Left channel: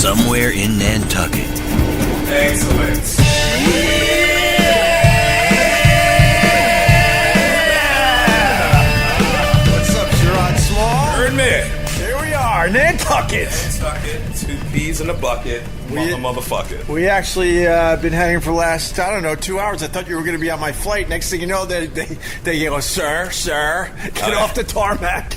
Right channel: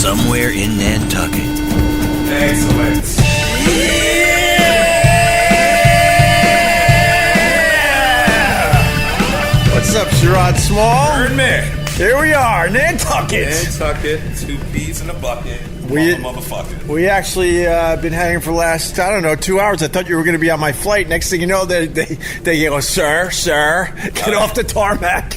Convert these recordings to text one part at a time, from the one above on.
somewhere in Nantucket. Excellent. Yeah! What's up, Sherrod Small? Heard me. Here we are, Nantucket. Nantucket, 2 peas in a bucket. Motherfucker. We actually been hanging for the last, 2 hours. I thought you were going to be on my flight. Next thing you know, they go, sir, get off the tarmac.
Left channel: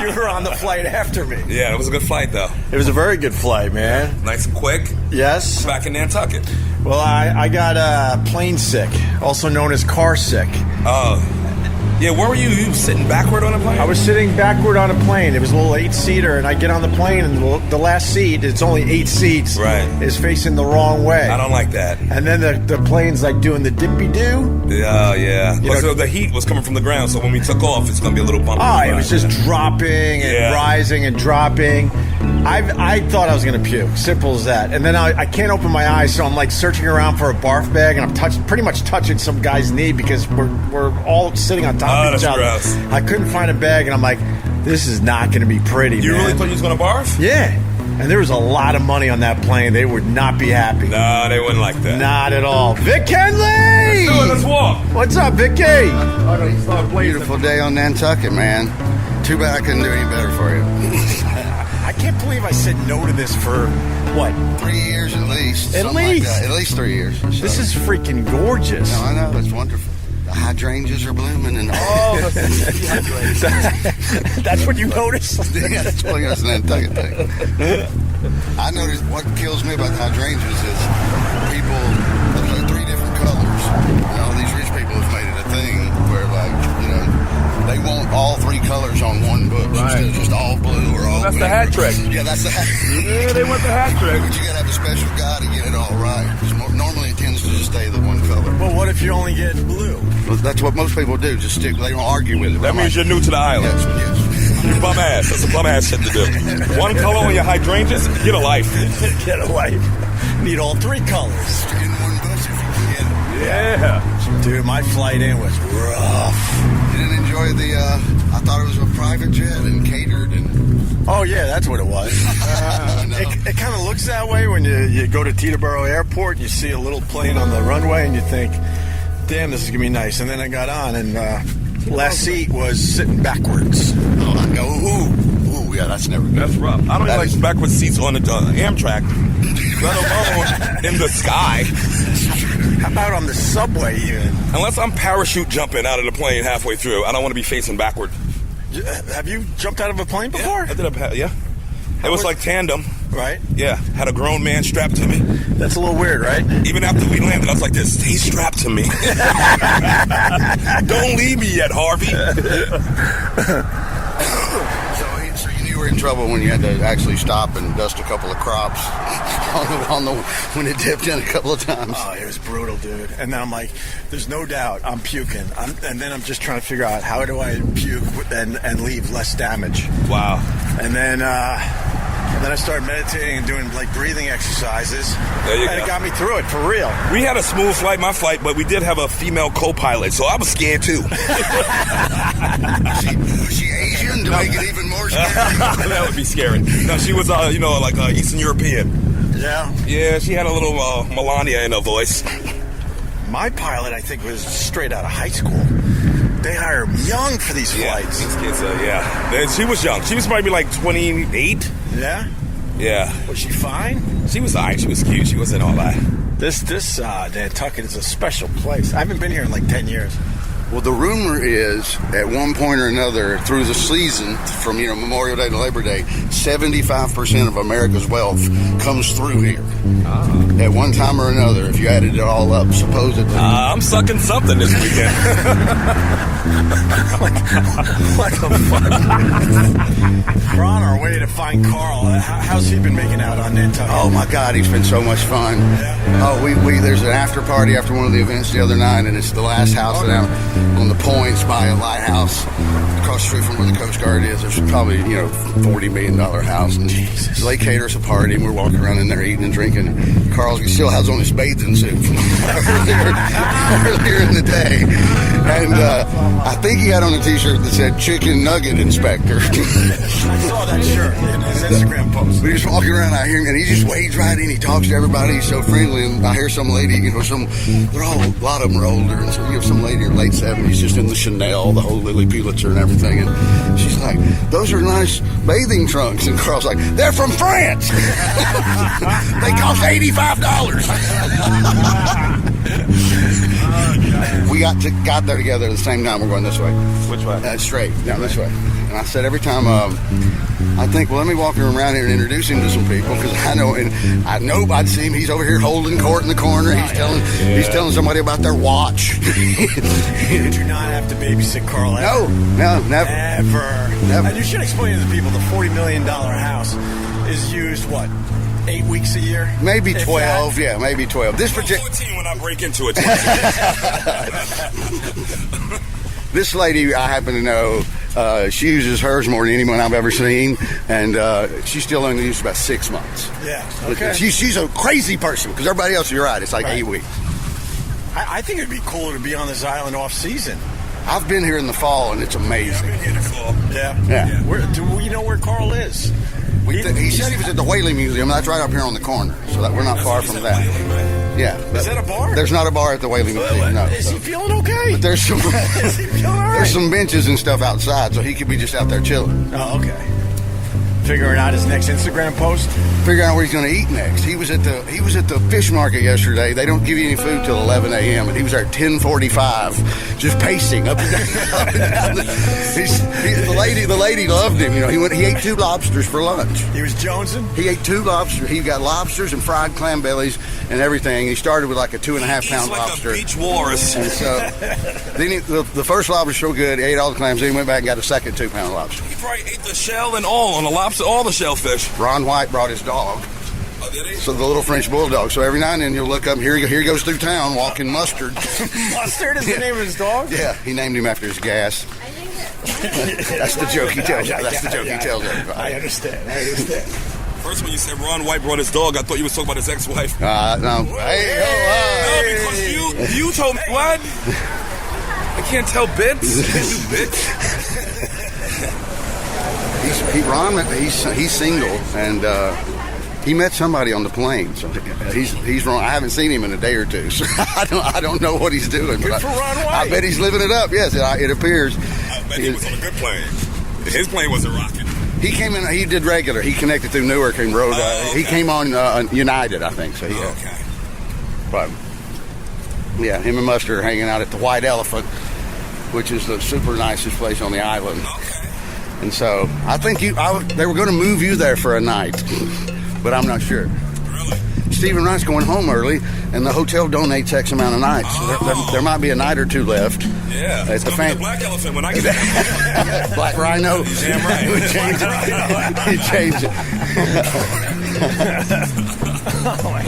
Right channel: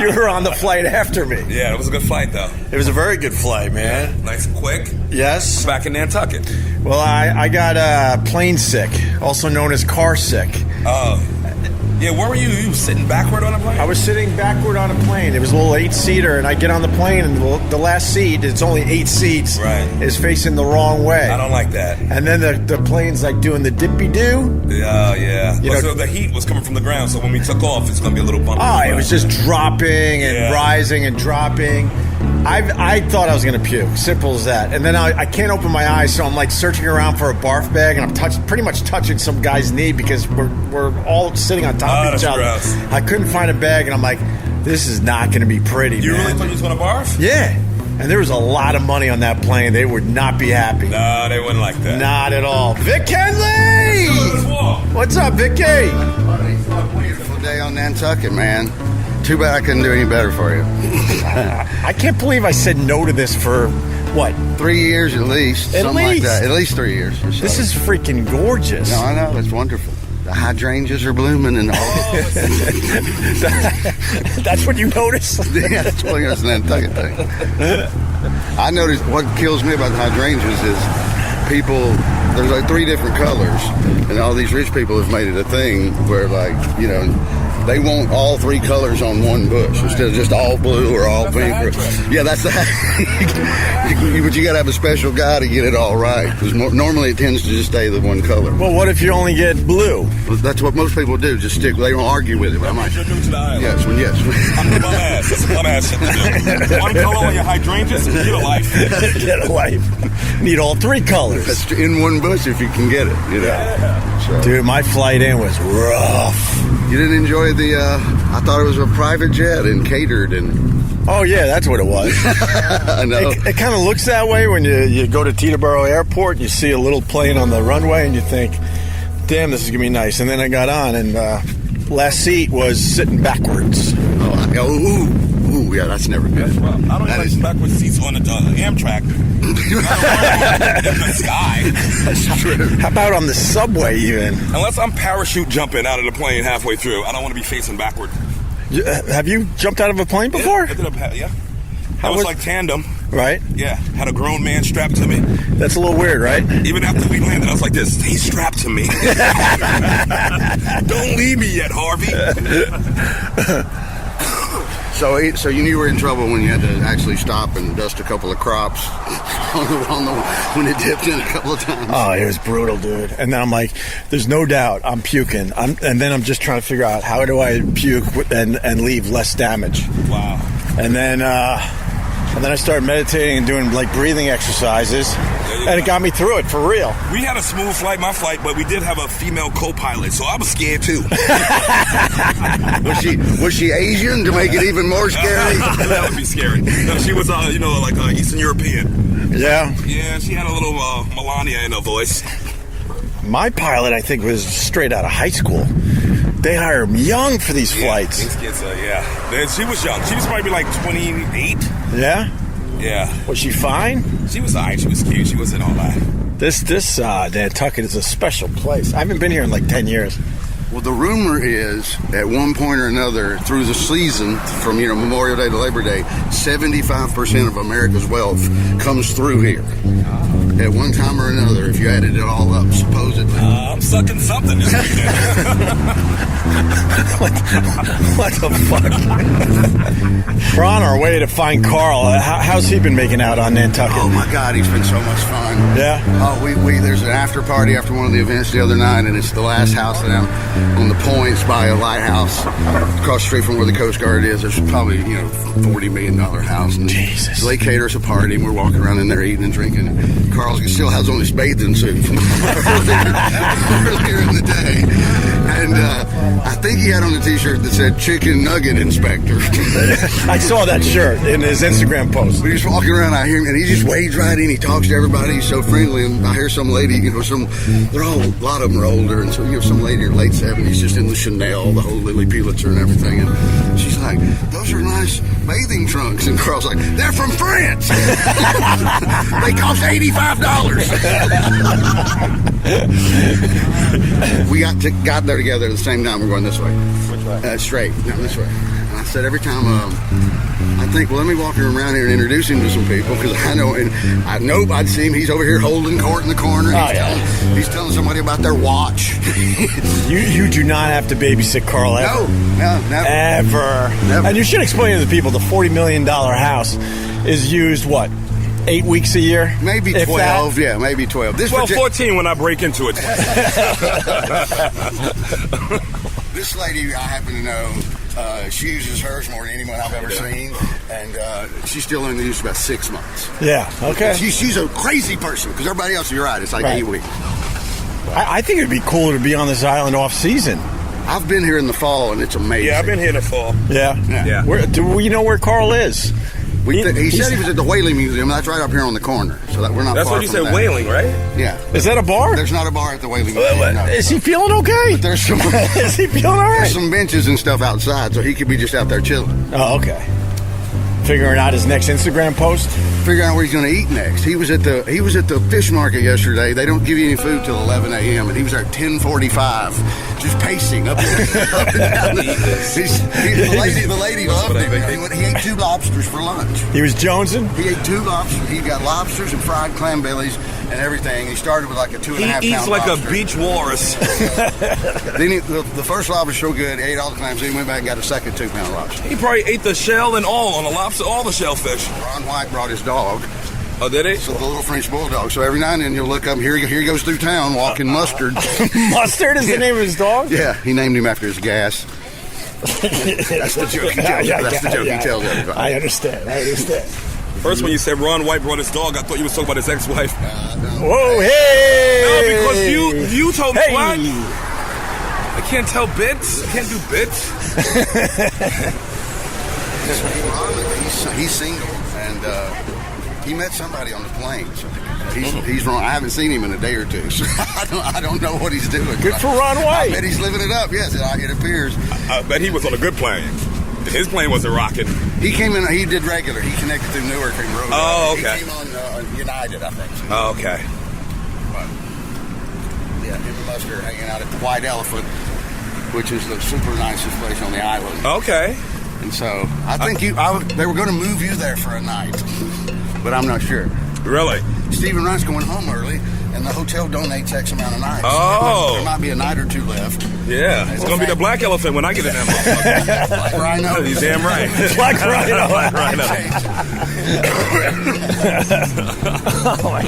You were on the flight after me. Yeah, it was a good flight, though. It was a very good flight, man. Yeah, nice and quick. Yes. Back in Nantucket. Well, I got plane sick, also known as car sick. Oh. Yeah, where were you? You were sitting backward on a plane? I was sitting backward on a plane. It was a little 8-seater, and I get on the plane, and the last seat, it's only 8 seats, right, is facing the wrong way. I don't like that. And then the plane's like doing the dippy-doo. Yeah. So the heat was coming from the ground, so when we took off, it's going to be a little bumpy. Oh, it was just dropping and rising and dropping. I thought I was going to puke. Simple as that. And then I can't open my eyes, so I'm like searching around for a barf bag, and I'm pretty much touching some guy's knee because we're all sitting on top of each other. Gross. I couldn't find a bag, and I'm like, this is not going to be pretty, You man. really thought you was going to barf? Yeah. And there was a lot of money on that plane. They would not be happy. No, they wouldn't like that. Not at all. Vic Henley! Let's walk. What's up, Vicky? Beautiful day on Nantucket, man. Too bad I couldn't do any better for you. I can't believe I said no to this for, what? 3 years at least. At something least? like that. At least 3 years. So. This is freaking gorgeous. No, I know. It's wonderful. The hydrangeas are blooming and all. That's what you noticed? Yeah, that's what it's an Nantucket thing. I noticed what kills me about the hydrangeas is people, there's like 3 different colors, and all these rich people have made it a thing where, like, they want all 3 colors on one bush instead of just all blue or all pink. That's the hat trick. Yeah, that's the hat. But you got to have a special guy to get it all right. Because normally it tends to just stay the one color. Well, what if you only get blue? That's what most people do. Just stick. They don't argue with it. That means you're new to the island. Yes. I'm a bum ass. That's a bum ass shit to do. One color on your hydrangeas, get a life. Get a life. Need all 3 colors. That's in one bush if you can get it. Yeah. So. Dude, my flight in was rough. You didn't enjoy I thought it was a private jet and catered and... Oh, yeah, that's what it was. I know. It kind of looks that way when you go to Teterboro Airport and you see a little plane on the runway and you think, damn, this is going to be nice. And then I got on and last seat was sitting backwards. Ooh, yeah, that's never good. That's rough. I don't like backward seats on the Amtrak. In the sky. How about on the subway even? Unless I'm parachute jumping out of the plane halfway through, I don't want to be facing backward. Have you jumped out of a plane before? Yeah, I did it was like tandem. Right? Yeah, had a grown man strapped to me. That's a little weird, right? Even after we landed, I was like this, stay strapped to me. Don't leave me yet, Harvey. So you knew you were in trouble when you had to actually stop and dust a couple of crops when it dipped in a couple of times. Oh, it was brutal, dude. And then I'm like, there's no doubt I'm puking. And then I'm just trying to figure out how do I puke and leave less damage. Wow. And then I started meditating and doing like breathing exercises. And it got me through it for real. We had a smooth flight, my flight, but we did have a female co-pilot, so I was scared too. Was she Asian to make it even more scary? That would be scary. No, she was like Eastern European. Yeah. Yeah, she had a little Melania in her voice. My pilot, I think, was straight out of high school. They hire them young for these flights. These kids, she was young. She was probably like 28. Yeah? Yeah. Was she fine? She was all right. She was cute. She wasn't all that. This Nantucket is a special place. I haven't been here in like 10 years. Well, the rumor is, at one point or another, through the season, from Memorial Day to Labor Day, 75% of America's wealth comes through here. At one time or another, if you added it all up, supposedly. I'm sucking something this weekend. What the fuck? We're on our way to find Carl. How's he been making out on Nantucket? Oh my God, he's been so much fun. Yeah. Oh, there's an after party after one of the events the other night, and it's the last house that on the points by a lighthouse across the street from where the Coast Guard is. There's probably, $40 million house. And Jesus. they cater us a party, and we're walking around in there eating and drinking. Carl still has on his bathing suit from earlier in the day. And I think he had on a T-shirt that said Chicken Nugget Inspector. I saw that shirt in his Instagram post. We just walking around, I hear him, and he just wades right in. He talks to everybody. He's so friendly. And I hear some lady, a lot of them are older. And so some lady in her late 70s just in the Chanel, the whole Lily Pulitzer and everything. And she's like, those are nice bathing trunks. And Carl's like, they're from France. They cost $85. We got there together at the same time. We're going this way. Which way? Straight, down this way. And I said every time, I think, well, let me walk him around here and introduce him to some people, because I know I'd see him. He's over here holding court in the corner. He's telling somebody about their watch. You do not have to babysit Carl ever. No, never. Ever. And you should explain to the people the $40 million house is used, 8 weeks a year? Maybe 12, yeah, maybe 12. 14 when I break into it. This lady I happen to know, she uses hers more than anyone I've ever seen, and she's still only used about 6 months. Yeah, okay. She's a crazy person, because everybody else, you're right, it's like 8 weeks. I think it'd be cooler to be on this island off season. I've been here in the fall, and it's amazing. Yeah, I've been here in the fall. Yeah. Do we know where Carl is? He said he was at the Whaling Museum. That's right up here on the corner, so that we're not far from that. That's what he said, Whaling, right? Yeah. Is that a bar? There's not a bar at the Whaling Museum. No. Is he feeling okay? But there's some. Is he feeling all right? There's some benches and stuff outside, so he could be just out there chilling. Oh, okay. Figuring out his next Instagram post. Figuring out where he's going to eat next. He was at the fish market yesterday. They don't give you any food till 11 a.m. and he was there at 10:45, just pacing up and down. The lady loved him. He ate 2 lobsters for lunch. He was jonesing. He ate 2 lobsters. He got lobsters and fried clam bellies and everything. He started with like a 2.5 pound lobster. He eats like a beach walrus. Then the first lobster was so good, he ate all the clams. Then he went back and got a second 2-pound lobster. He probably ate the shell and all on the lobster, all the shellfish. Ron White brought his dog. Oh, did he? So the little French bulldog. So every now and then you'll look up, and here he goes through town walking Mustard. Mustard is the name of his dog? Yeah, he named him after his gas. That's the joke he tells. That's the joke he tells everybody. I understand. First, when you said Ron White brought his dog, I thought you were talking about his ex-wife. No. Whoa, hey! No, because you told me what? I can't tell bits. I can't do bits. He's single, and he met somebody on the plane. So he's wrong. I haven't seen him in a day or two, so I don't know what he's doing. Good for Ron White. I bet he's living it up. Yes, it appears. I bet he was on a good plane. His plane wasn't rocking. He came in. He did regular. He connected through Newark and rode. Oh, okay. He came on United, I think. So, yeah. Okay. But yeah, him and Mustard are hanging out at the White Elephant, which is the super nicest place on the island. Okay. And so I think they were going to move you there for a night, but I'm not sure. Really? Stephen Wright's going home early, and the hotel donates X amount of nights. Oh. There might be a night or 2 left. Yeah. It's going to be the black elephant when I get to that. Black rhino. You're damn right. Black rhino. Oh, my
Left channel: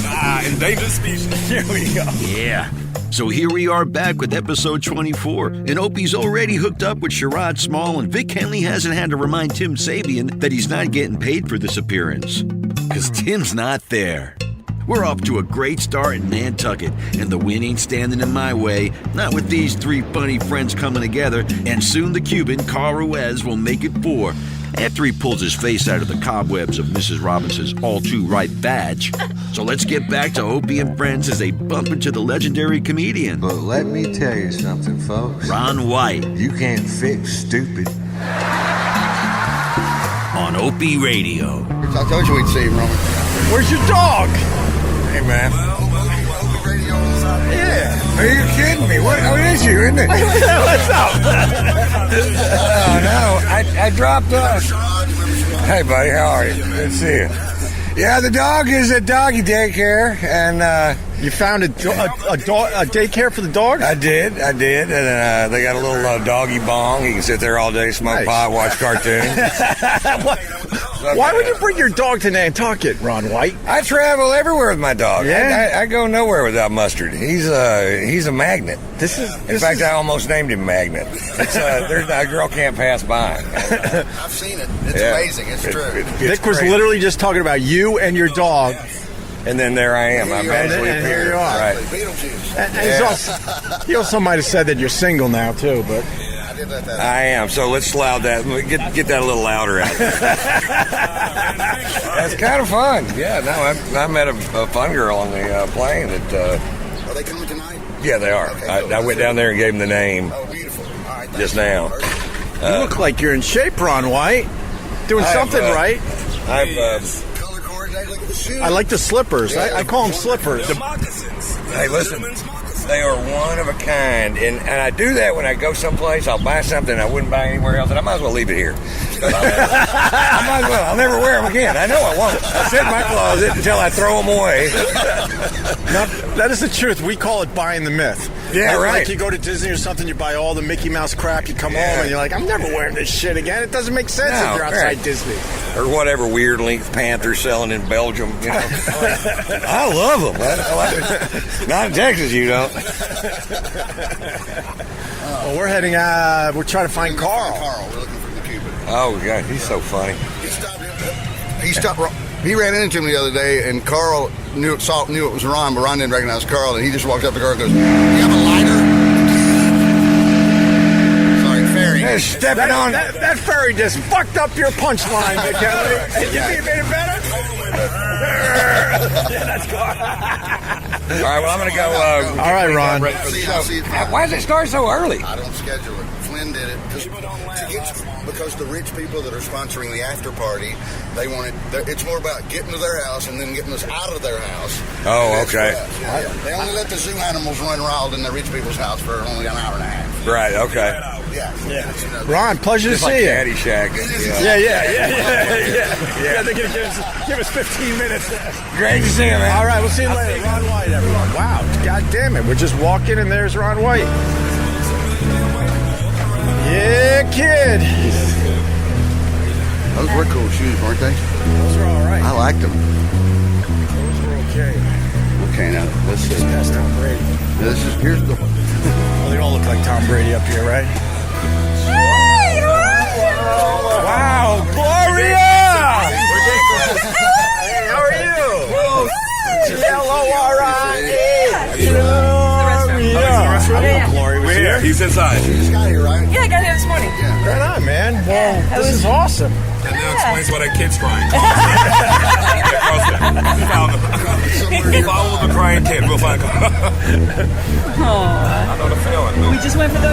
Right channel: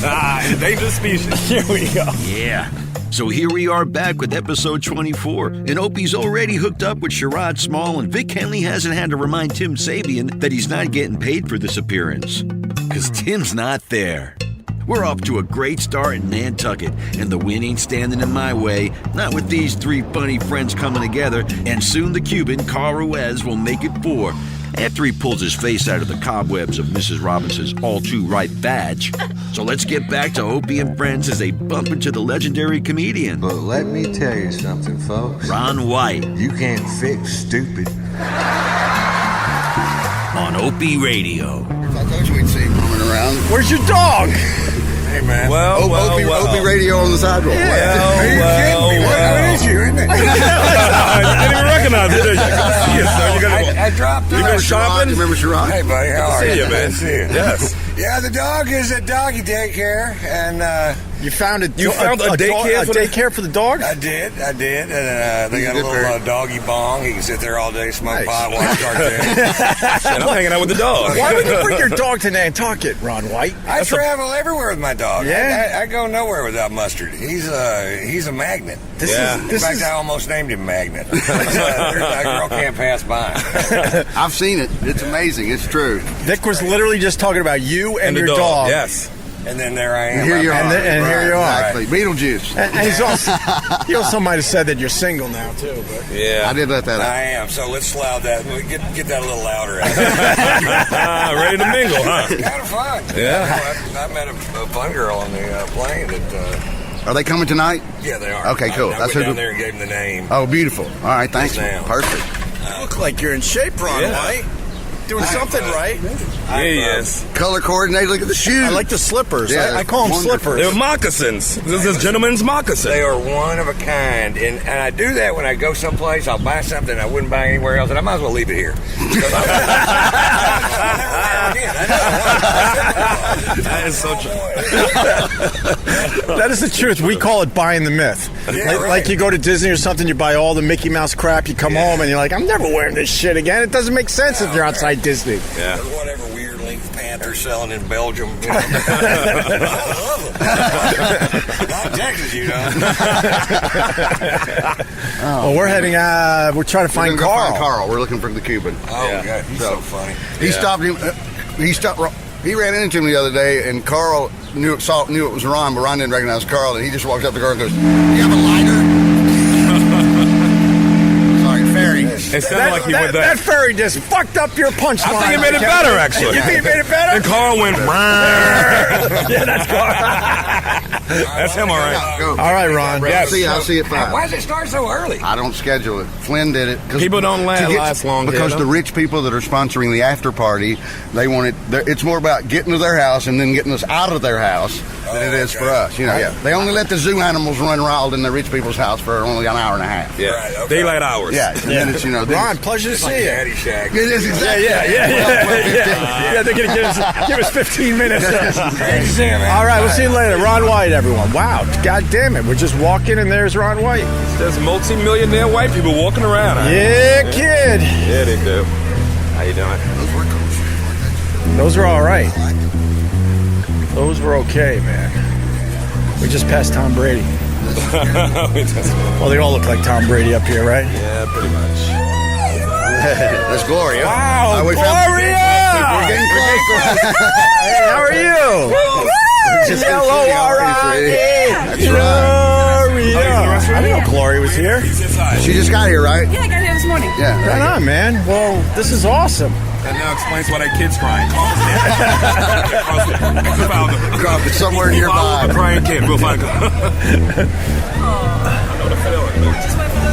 God. Endangered species. Here we go. Yeah. So here we are back with episode 24, and Opie's already hooked up with Sherrod Small, and Vic Henley hasn't had to remind Tim Sabian that he's not getting paid for this appearance. Because Tim's not there. We're off to a great start in Nantucket, and the wind ain't standing in my way, not with these 3 funny friends coming together, and soon the Cuban, Carl Ruiz, will make it 4. After he pulls his face out of the cobwebs of Mrs. Robinson's all-too-right badge. So let's get back to Opie and Friends as they bump into the legendary comedian. But let me tell you something, folks. Ron White. You can't fix stupid. On Opie Radio. I told you we'd see him roaming around. Where's your dog? Hey, man. Opie Radio on the sidewalk. Yeah. Are you kidding me? What is you, isn't it? I didn't recognize it. I dropped off. You remember Sherrod? Hey, buddy, how are you? See you, man. Good to see you. Yes. Yeah, the dog is at doggy daycare, and You found a daycare for the dogs? I did, and they got a little doggy bong. He can sit there all day, smoke pot, watch cartoons. I'm hanging out with the dog. Why would you bring your dog to Nantucket, Ron White? I travel everywhere with my dog. Yeah? I go nowhere without Mustard. He's a magnet. In fact, I almost named him Magnet. That girl can't pass by. I've seen it. It's amazing. It's true. Vic was literally just talking about you and your dog. Yes. And then there I am. And here you are. Right. Beetlejuice. And he also might have said that you're single now, too. But I did let that out. I am. So let's loud that. Get that a little louder out there. Ready to mingle, huh? It's kind of fun. Yeah. No, I met a fun girl on the plane that... Are they coming tonight? Yeah, they are. Okay, cool. I went down there and gave them the name. Oh, beautiful. All right, thanks. Just now. Perfect. you look like you're in shape, Ron White. Doing something right. Yes. Color coordinated. Look at the shoes. I like the slippers. Yeah, I call them slippers. They're moccasins. This Hey, is listen, gentleman's moccasins. They are one of a kind, and I do that when I go someplace. I'll buy something I wouldn't buy anywhere else, and I might as well leave it here. I'll never wear them again. I know I won't. I sit in my closet until I throw them away. That is the truth. We call it buying the myth. Yeah, right. Like you go to Disney or something, you buy all the Mickey Mouse crap, you come home and you're like, I'm never wearing this shit again. It doesn't make sense if you're outside Disney. Yeah. Or whatever weird length pants they're selling in Belgium. You know? I love them. Not in Texas, you know. Well, we're heading, we're trying to find Carl. We're looking for the Cuban. Oh, God, he's so funny. He stopped him. He ran into him the other day, and Carl knew it was Ron, but Ron didn't recognize Carl, and he just walked up to Carl and goes, "Do you have a lighter?" Sorry, ferry. That ferry just fucked up your punchline. I think it made it better, actually. You think it made it better? And Carl went. Yeah, that's Carl. All right, well, I'm gonna go. All right, Ron. I'll see it. Why does it start so early? I don't schedule it. Flynn did it. People don't last long because the rich people that are sponsoring the after party, they want it. It's more about getting to their house and then getting us out of their house. Oh, and that's okay. for us. You know, they only let the zoo animals run wild in the rich people's house for only an hour and a half. Yeah. Right. Okay. Daylight hours. Yeah. And it's, Ron, pleasure to see you. Caddyshack. It is Yeah. Yeah, they're going to give us 15 minutes. Great to see you, man. All right, we'll see you later. Ron White, everyone. Wow, God damn it. We're just walking and there's Ron White. There's multi-millionaire white people walking around. Yeah, kid. Yeah, they do. How you doing? Those were cool shoes, weren't they? Those were all right. I liked them. Those were okay, man. Okay, now. We just passed Tom Brady. This is beautiful. Well, they all look like Tom Brady up here, right? Yeah, pretty much. That's Gloria. Wow, Gloria! Hey, how are you? Gloria. Gloria. I didn't know Gloria was here. He's inside. She just got here, right? Yeah, I got here this morning. Yeah. Right on, man. Well, this is awesome. That now explains why that kid's crying. We'll found him. Somewhere We'll follow the crying kid. We'll find him. I know the feeling. We just went for the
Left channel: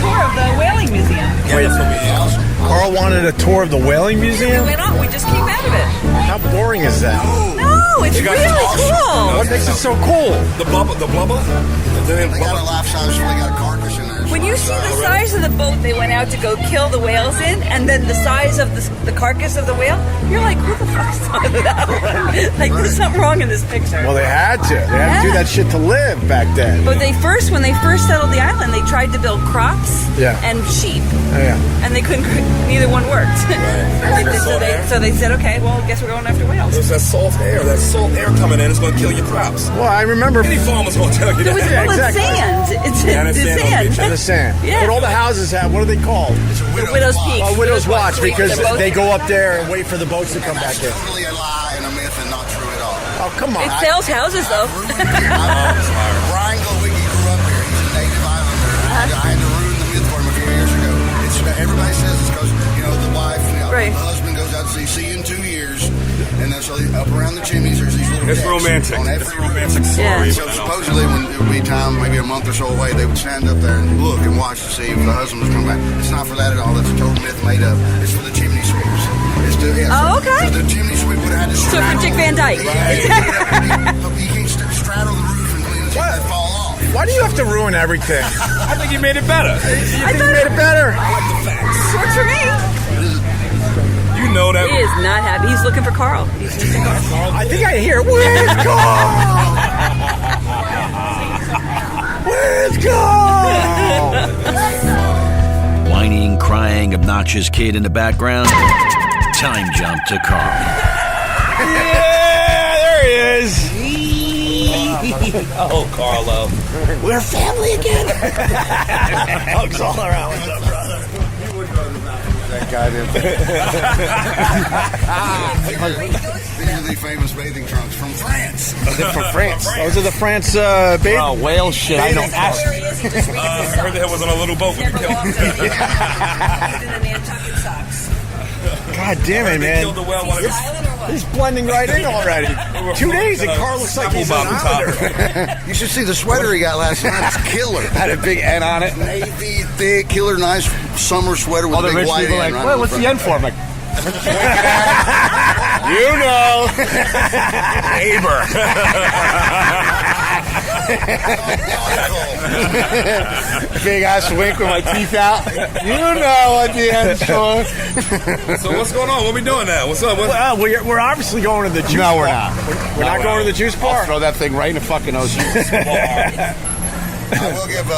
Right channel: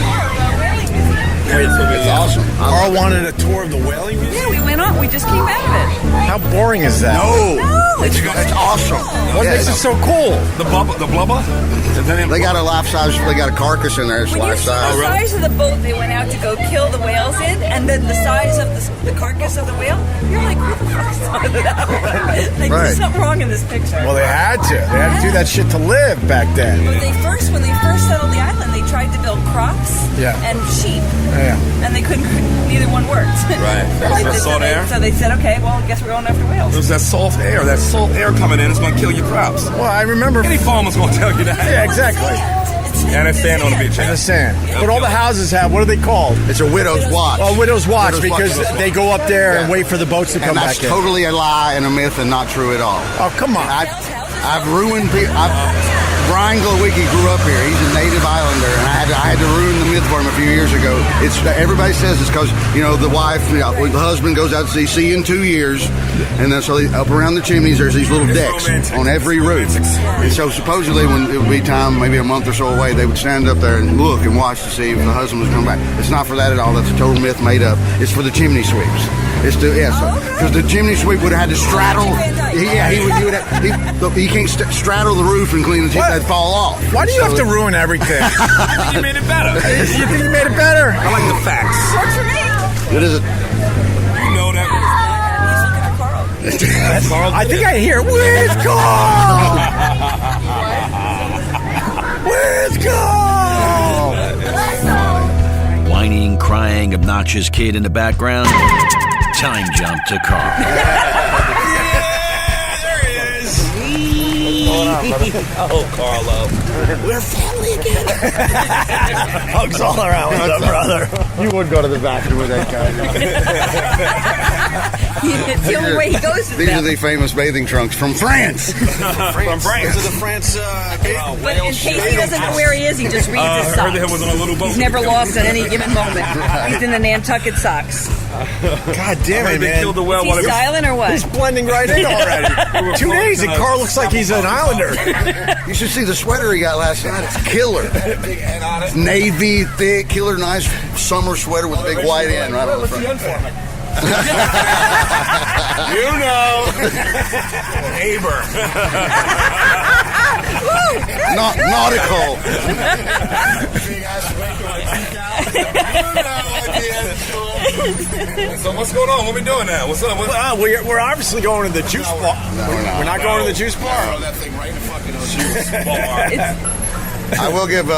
tour of the whaling museum. Wait, That's awesome. Carl wanted a tour of the whaling Yeah, museum? we went on. We just came out of it. How boring is that? No, it's really awesome. cool. What makes it so cool? The blubber. And then They got a life-size, they got a carcass in there. It's When you see life-size. the size of the boat they went out to go kill the whales in, and then the size of the carcass of the whale, you're like, who the fuck's on that one? Like, there's something wrong in this picture. Well, they had to. They had to do that shit to live back then. But when they first settled the island, they tried to build crops and sheep, Yeah. and they couldn't. Neither one worked. Right. So they said, okay, well, I guess we're going after whales. there's that salt air. That salt air coming in is going to kill your crops. Well, I remember. Any farmer's going to tell you that. Yeah, exactly. It's Yeah, that's sand on the beach. In the sand. Yeah. But all the houses have, what are they called? It's a widow's Widow's watch. peak. Oh, Widow's Watch, because they go up there and wait for the boats to come That's back in. totally a lie and a myth and not true at all. Oh, come on. It sells houses, I've though. ruined people. Brian Glowicki grew up here. He's a native islander, and I had to ruin the myth for him a few years ago. It's everybody says it's because the wife, the husband goes out to sea. See you in 2 years, and then so up around the chimneys there's these little It's decks romantic. on every It's a roof. romantic story. So supposedly when it would be time, maybe a month or so away, they would stand up there and look and watch to see if the husband was coming back. It's not for that at all. That's a total myth made up. It's for the chimney sweeps. It's to because the chimney sweep would have had to straddle. Magic Van Dyke. He can't straddle the roof and clean it. They'd fall off. Why do you have to ruin everything? I think you made it better. You think you made it better? I like the facts. Works for me. What is it? You know that. He is not happy. He's looking for Carl. I think I hear, where's Carl? Where's Carl? Whining, crying, obnoxious kid in the background. Time jump to Carl. Yeah, there he is. Oh, Carlo. We're family again. Hugs all around. What's up, brother? You wouldn't go to the bathroom with that guy, The only way he goes These are the famous bathing trunks from France. From France. Those are the France bathing whale shit. He doesn't know where he is. He just reads his I socks. heard that was on a little boat. He's never lost at any given moment. He's in the Nantucket socks. God damn it, They man. killed the whale Is while he they were silent or what? He's blending right in already. 2 days and Carl looks like he's an Islander. You should see the sweater he got last night. It's killer. Had a big N on it. Navy, thick, killer, nice summer sweater with a big white N right on the front. You know. neighbor. Nautical. Big ass wig with my teeth out. You know what the end's for. So what's going on? What we doing now? What's up? Well, we're obviously going to the juice bar. We're not going to the juice bar. Throw that thing right in the fucking ocean. I will give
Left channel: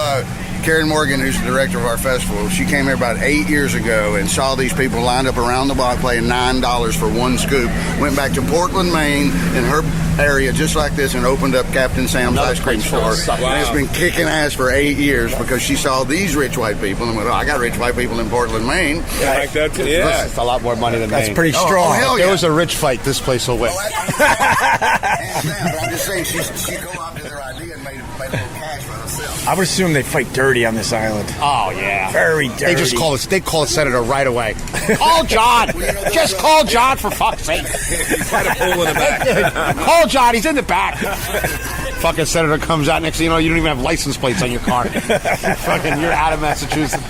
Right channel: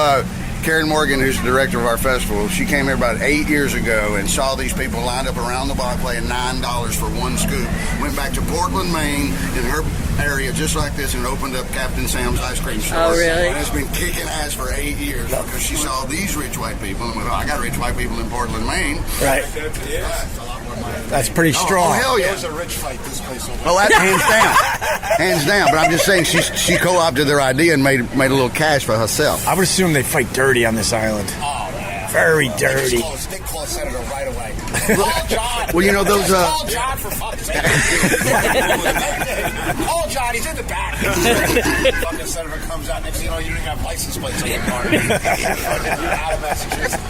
Karen Morgan, who's the director of our festival, she came here about 8 years ago and saw these people lined up around the block paying $9 for one scoop. Went back to Portland, Maine, in her area just like this, and opened up Captain Sam's ice cream store. And it's been kicking ass for 8 years because she saw these rich white people and went, oh, I got rich white people in Portland, Maine. Right. Yeah. It's a lot more money than That's Maine. pretty strong. Oh, hell If yeah. it was a rich fight, this place will win. Well, that hands down. Hands down. But I'm just saying she co-opted their idea and made a little cash for herself. I would assume they fight dirty on this island. Oh, yeah. Very dirty. They call a senator right away. Call John. Well, you know, those, Just call John for fuck's sake. Call John. He's in the back. Fucking senator comes out next thing you know, you don't even have license plates on your car. Fucking, you're out of Massachusetts.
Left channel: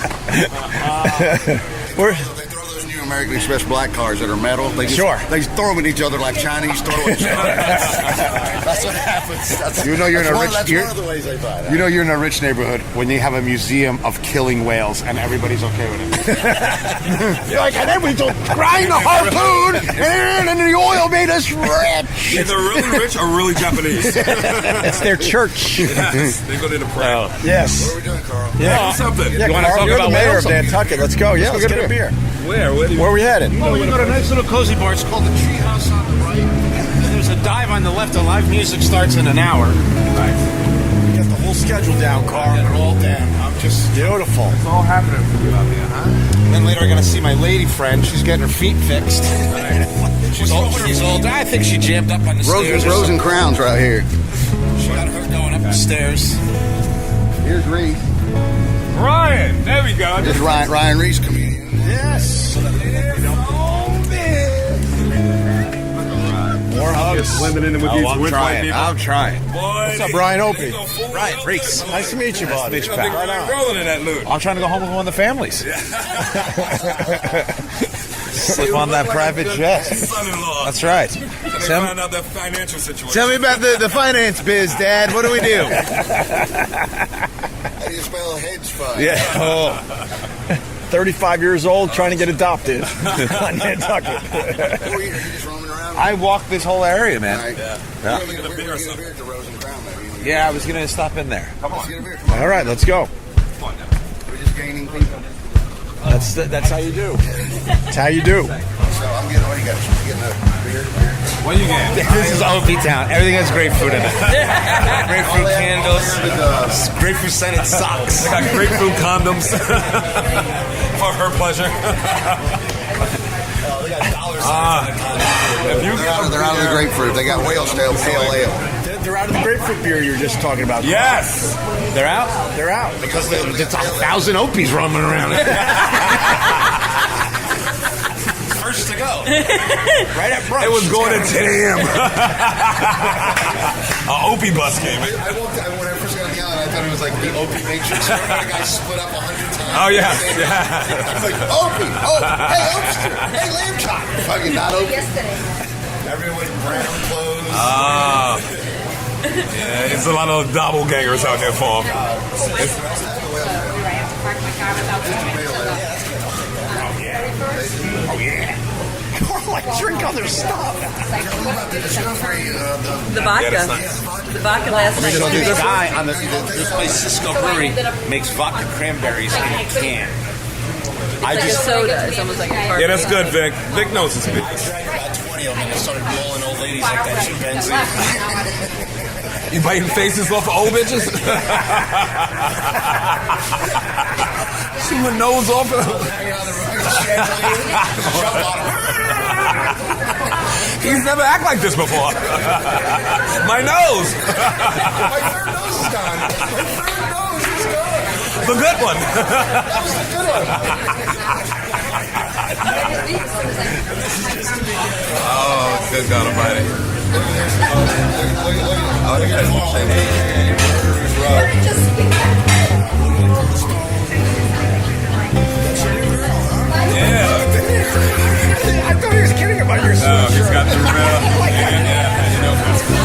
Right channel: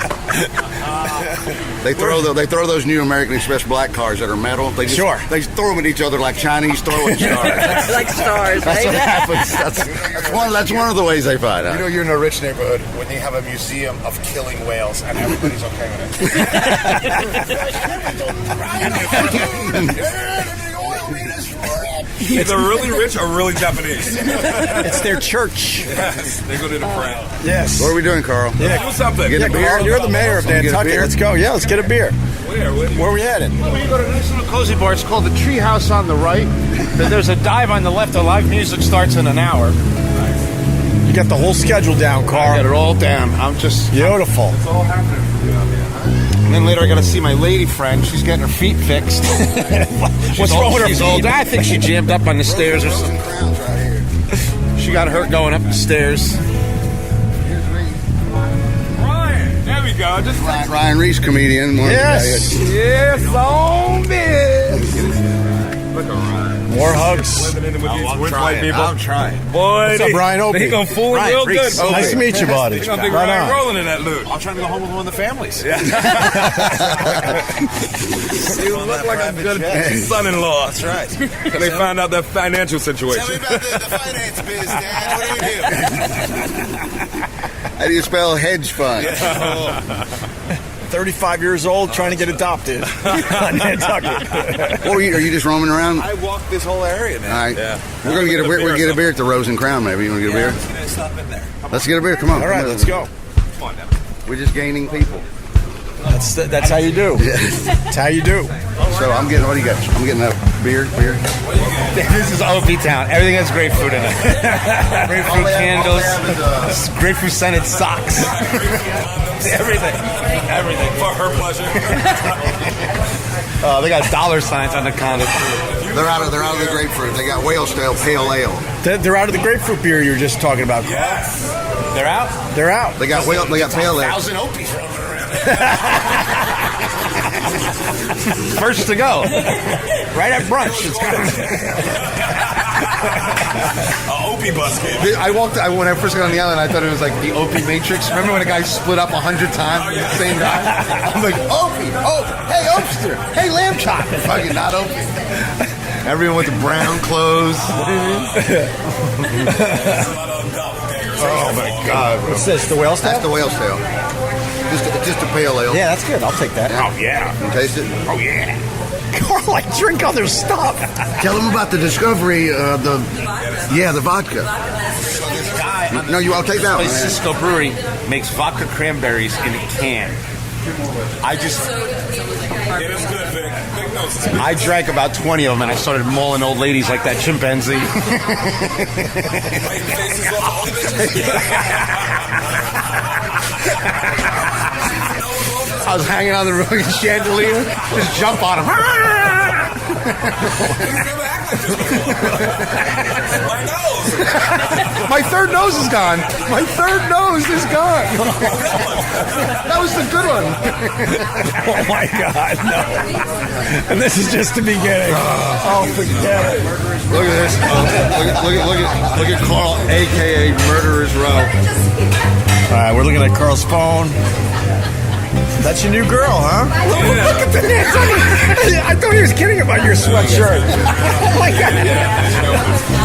They throw those new American Express black cars that are metal. They just Sure. they throw them at each other like Chinese throwing stars. Like stars. That's what happens. That's one of the ways they fight. You know you're in a rich neighborhood when they have a museum of killing whales and everybody's okay with it. Like, and then we don't grind the harpoon and the oil made us rich. Either really rich or really Japanese. It's their church. Yes. They go to the prayer. Yes. What are we doing, Carl? Yeah. Do something. Yeah, Carl, you're the mayor of Nantucket. Let's go. Yeah, let's get a beer. Where? Where are we headed? Well, we go to a nice little cozy bar. It's called the Treehouse on the right. Then there's a dive on the left. The live music starts in an hour. You got the whole schedule down, Carl. Get it all down. I'm just... Beautiful. It's all happening for you out there, huh? And then later I got to see my lady friend. She's getting her feet fixed. What's wrong with her She's feet? old. I think she jammed up on the stairs or Rose something. and Crowns right here. She got hurt going up the stairs. Here's Reese. Ryan. There we go. This is Ryan Reese, comedian. Yes. Yeah, so big. Look at Ryan. More hugs. Blending in with these rich white people. I'm trying. Boy, What's up, Ryan Opie? They gonna fool Ryan real Reese. good. Nice to meet you, buddy. They gonna think Right Ryan on. rolling in that loot. I'm trying to go home with one of the families. Sleep on that private jet. Son-in-law. That's right. So they found out that financial situation. Tell me about the finance biz, Dad. What do we do? How do you spell hedge fund? Yeah. 35 years old, trying to get adopted on Nantucket. Or are you just roaming around? I walked this whole area, man. All right. Yeah. We're going to get a beer. Beer or We'll get a beer at the Rose and Crown, maybe. You want to get a Yeah, I beer? was going to stop in there. Let's get a beer. Come on. All right, let's go. We're just gaining people. That's how you do. That's how you do. So I'm getting, what do you got? I'm getting that beer. What you get? This is Opie Town. Everything has grapefruit in it. Grapefruit candles, grapefruit scented socks. Grapefruit condoms. For her pleasure. They got dollar signs on the condoms. They're out of the grapefruit. They got whale stale pale ale. They're out of the grapefruit beer you were just talking about. Yes. They're out? They're out. They got pale ale. 1,000 Opies roaming around. First to go. Right at brunch. Opie bus came. When I first got on the island, I thought it was like the Opie Matrix. Remember when a guy split up 100 times? Oh, yeah. Same guy. I was like, Opie, hey, Opester, hey, lamb chop. Fucking not Opie. Everyone with brown clothes. There's a lot of doppelgangers out here for all kinds. What's this, the whale That's the whale stale. Just a pale ale. Yeah, that's good. I'll take that. Oh, yeah. Taste it? Oh, yeah. Carl, I drink other stuff. Tell them about the discovery of The vodka. Yeah, the vodka. Vodka last night. So this guy on No, you all take this that place, one. Cisco Brewery, makes vodka cranberries in a can. I It's just soda. It's almost like a Yeah, carbonate. that's good, Vic. Vic knows his business. I drank about 20 of them, and I started mauling old ladies like that chimpanzee. Biting faces off of old bitches. See my nose off of I was hanging on the chandelier, just jump on them. He's never act like this before. My nose. My third nose is gone. My third nose is gone. The good one. That was the good one. Oh my God, no! And this is just the beginning. Oh, good God, right. AKA Murderous Rock. All right, we're looking at Carl's phone. That's your new girl, huh? Yeah. Look at the knits. I thought he was kidding about your sweatshirt. Oh my God!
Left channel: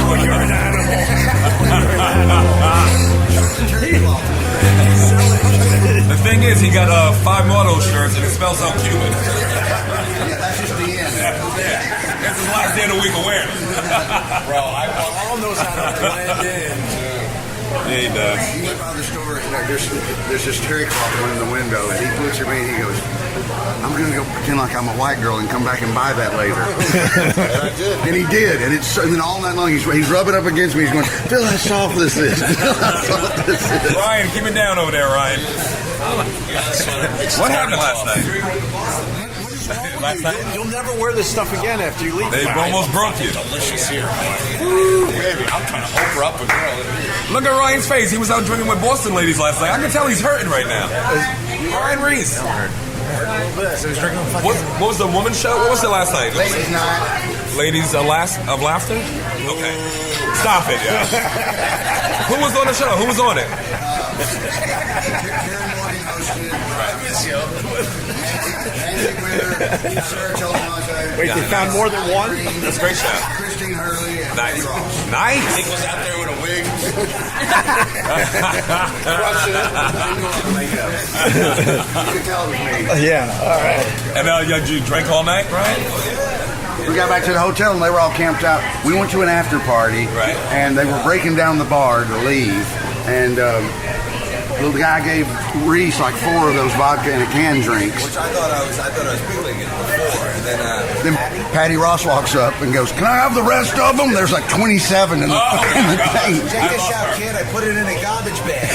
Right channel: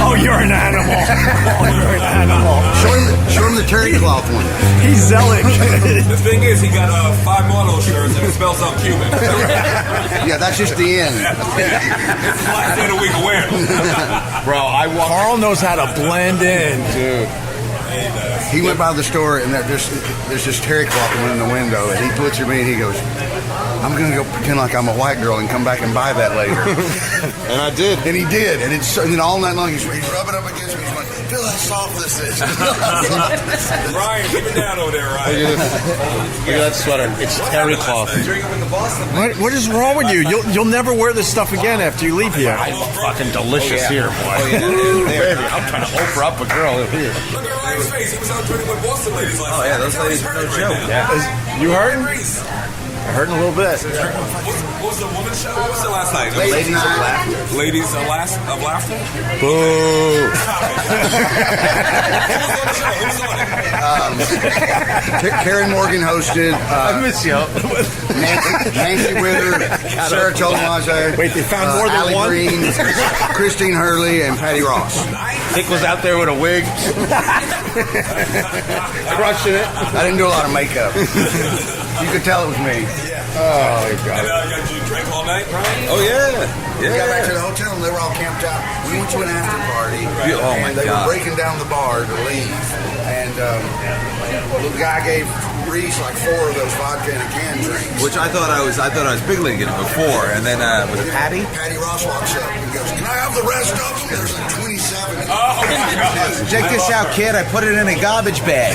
Oh, you're an animal. Oh, you're an animal. Show them the cherry cloth. He's selling. The thing is, he got 5 more of those shirts and it spells out Cuban. Yeah, that's just the end. It's his last day of the week of wearing. Bro, Carl knows how to blend in. He does. He went by the store and there's this terry cloth one in the window, and he looks at me and he goes, "I'm going to go pretend like I'm a white girl and come back and buy that later." And I did. And he did, and then all night long he's rubbing up against me. He's going, "Feel how soft this is." Feel how soft this is. Ryan, keep it down over there, Ryan. Look at that sweater. It's What terry happened last cloth. night? What is wrong with you? You'll never wear this stuff again after you leave here. It's fucking delicious here, boy. Ooh, baby, I'm trying to Oprah up a girl here. Look at Ryan's face. He was out drinking with Boston ladies last night. I can tell he's hurting right now. You hurting? Reese. Hurting a little bit. What was the woman's show? What was it last night? Late night. Ladies of Laughter? Okay. Stop it, guys. Who was on the show? Who was on it? Terry Morgan hosted. I miss you. Nancy Wither, Sarah Tolmage. Wait, they found more than Allie one? Green, Christine Hurley, and Patty Ross. Nice. Nick was out there with a wig. Crushing it. I didn't do a lot of makeup. You could tell it was me. Yeah. And you drank all night, Ryan? Oh, yeah. We got back to the hotel and they were all camped out. We went to an after party, Right. Oh, and they were breaking down the bar to leave. And the guy gave Reese like 4 of those vodka in a can drink. Which I thought I was big leaguing before, and then was it Patty Ross walks up and goes, "Can I have the rest of them?" There's like 27 in the Oh, my God. check this out, kid. I put it in a garbage bag.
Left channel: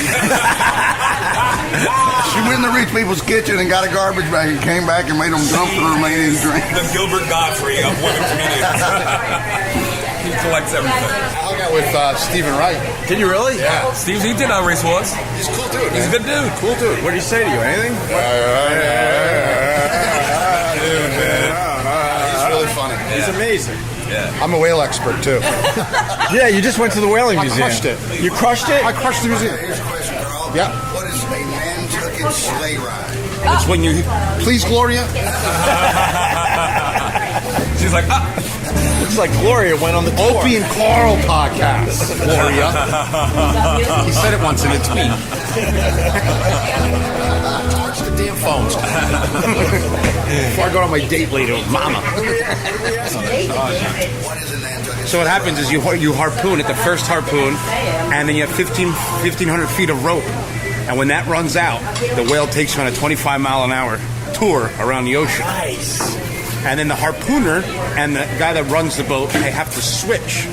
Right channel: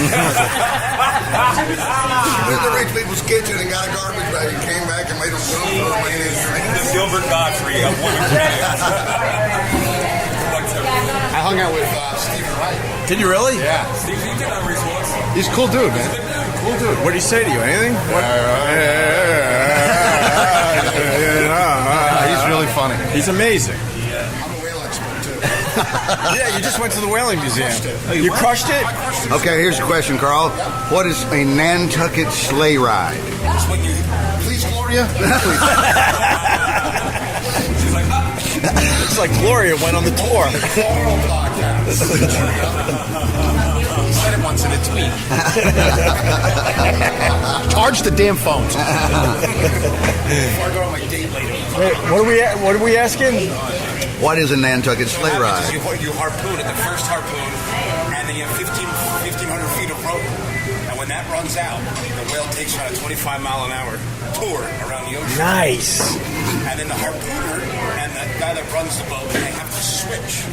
She went in the rich people's kitchen and got a garbage bag and came back and made them dump the remaining drink. The Gilbert Godfrey of women comedians. He collects everything. I hung out with Stephen Wright. Did you really? Yeah. Steve, he did not race horse. He's a cool dude, man. Good dude. Cool dude. What did he say to you? Anything? He's really funny. He's amazing. I'm a whale expert, too. Yeah, you just went to the whaling museum. crushed it. You crushed it? I crushed the Okay, music. here's the question, Carl. Yeah. What is a Nantucket sleigh ride? It's when you... Please, Gloria. She's like, ah. Looks like Gloria went on the tour. Opie and Carl podcast, Gloria. He said it once in a tweet. Charge the damn phones. Before I go on my date later with Mama. What are we asking? What is a Nantucket So sleigh what happens ride? is you harpoon at the first harpoon, and then you have 1,500 feet of rope. And when that runs out, the whale takes you on a 25-mile-an-hour tour around the ocean. Nice. And then the harpooner and the guy that runs the boat, they have to switch.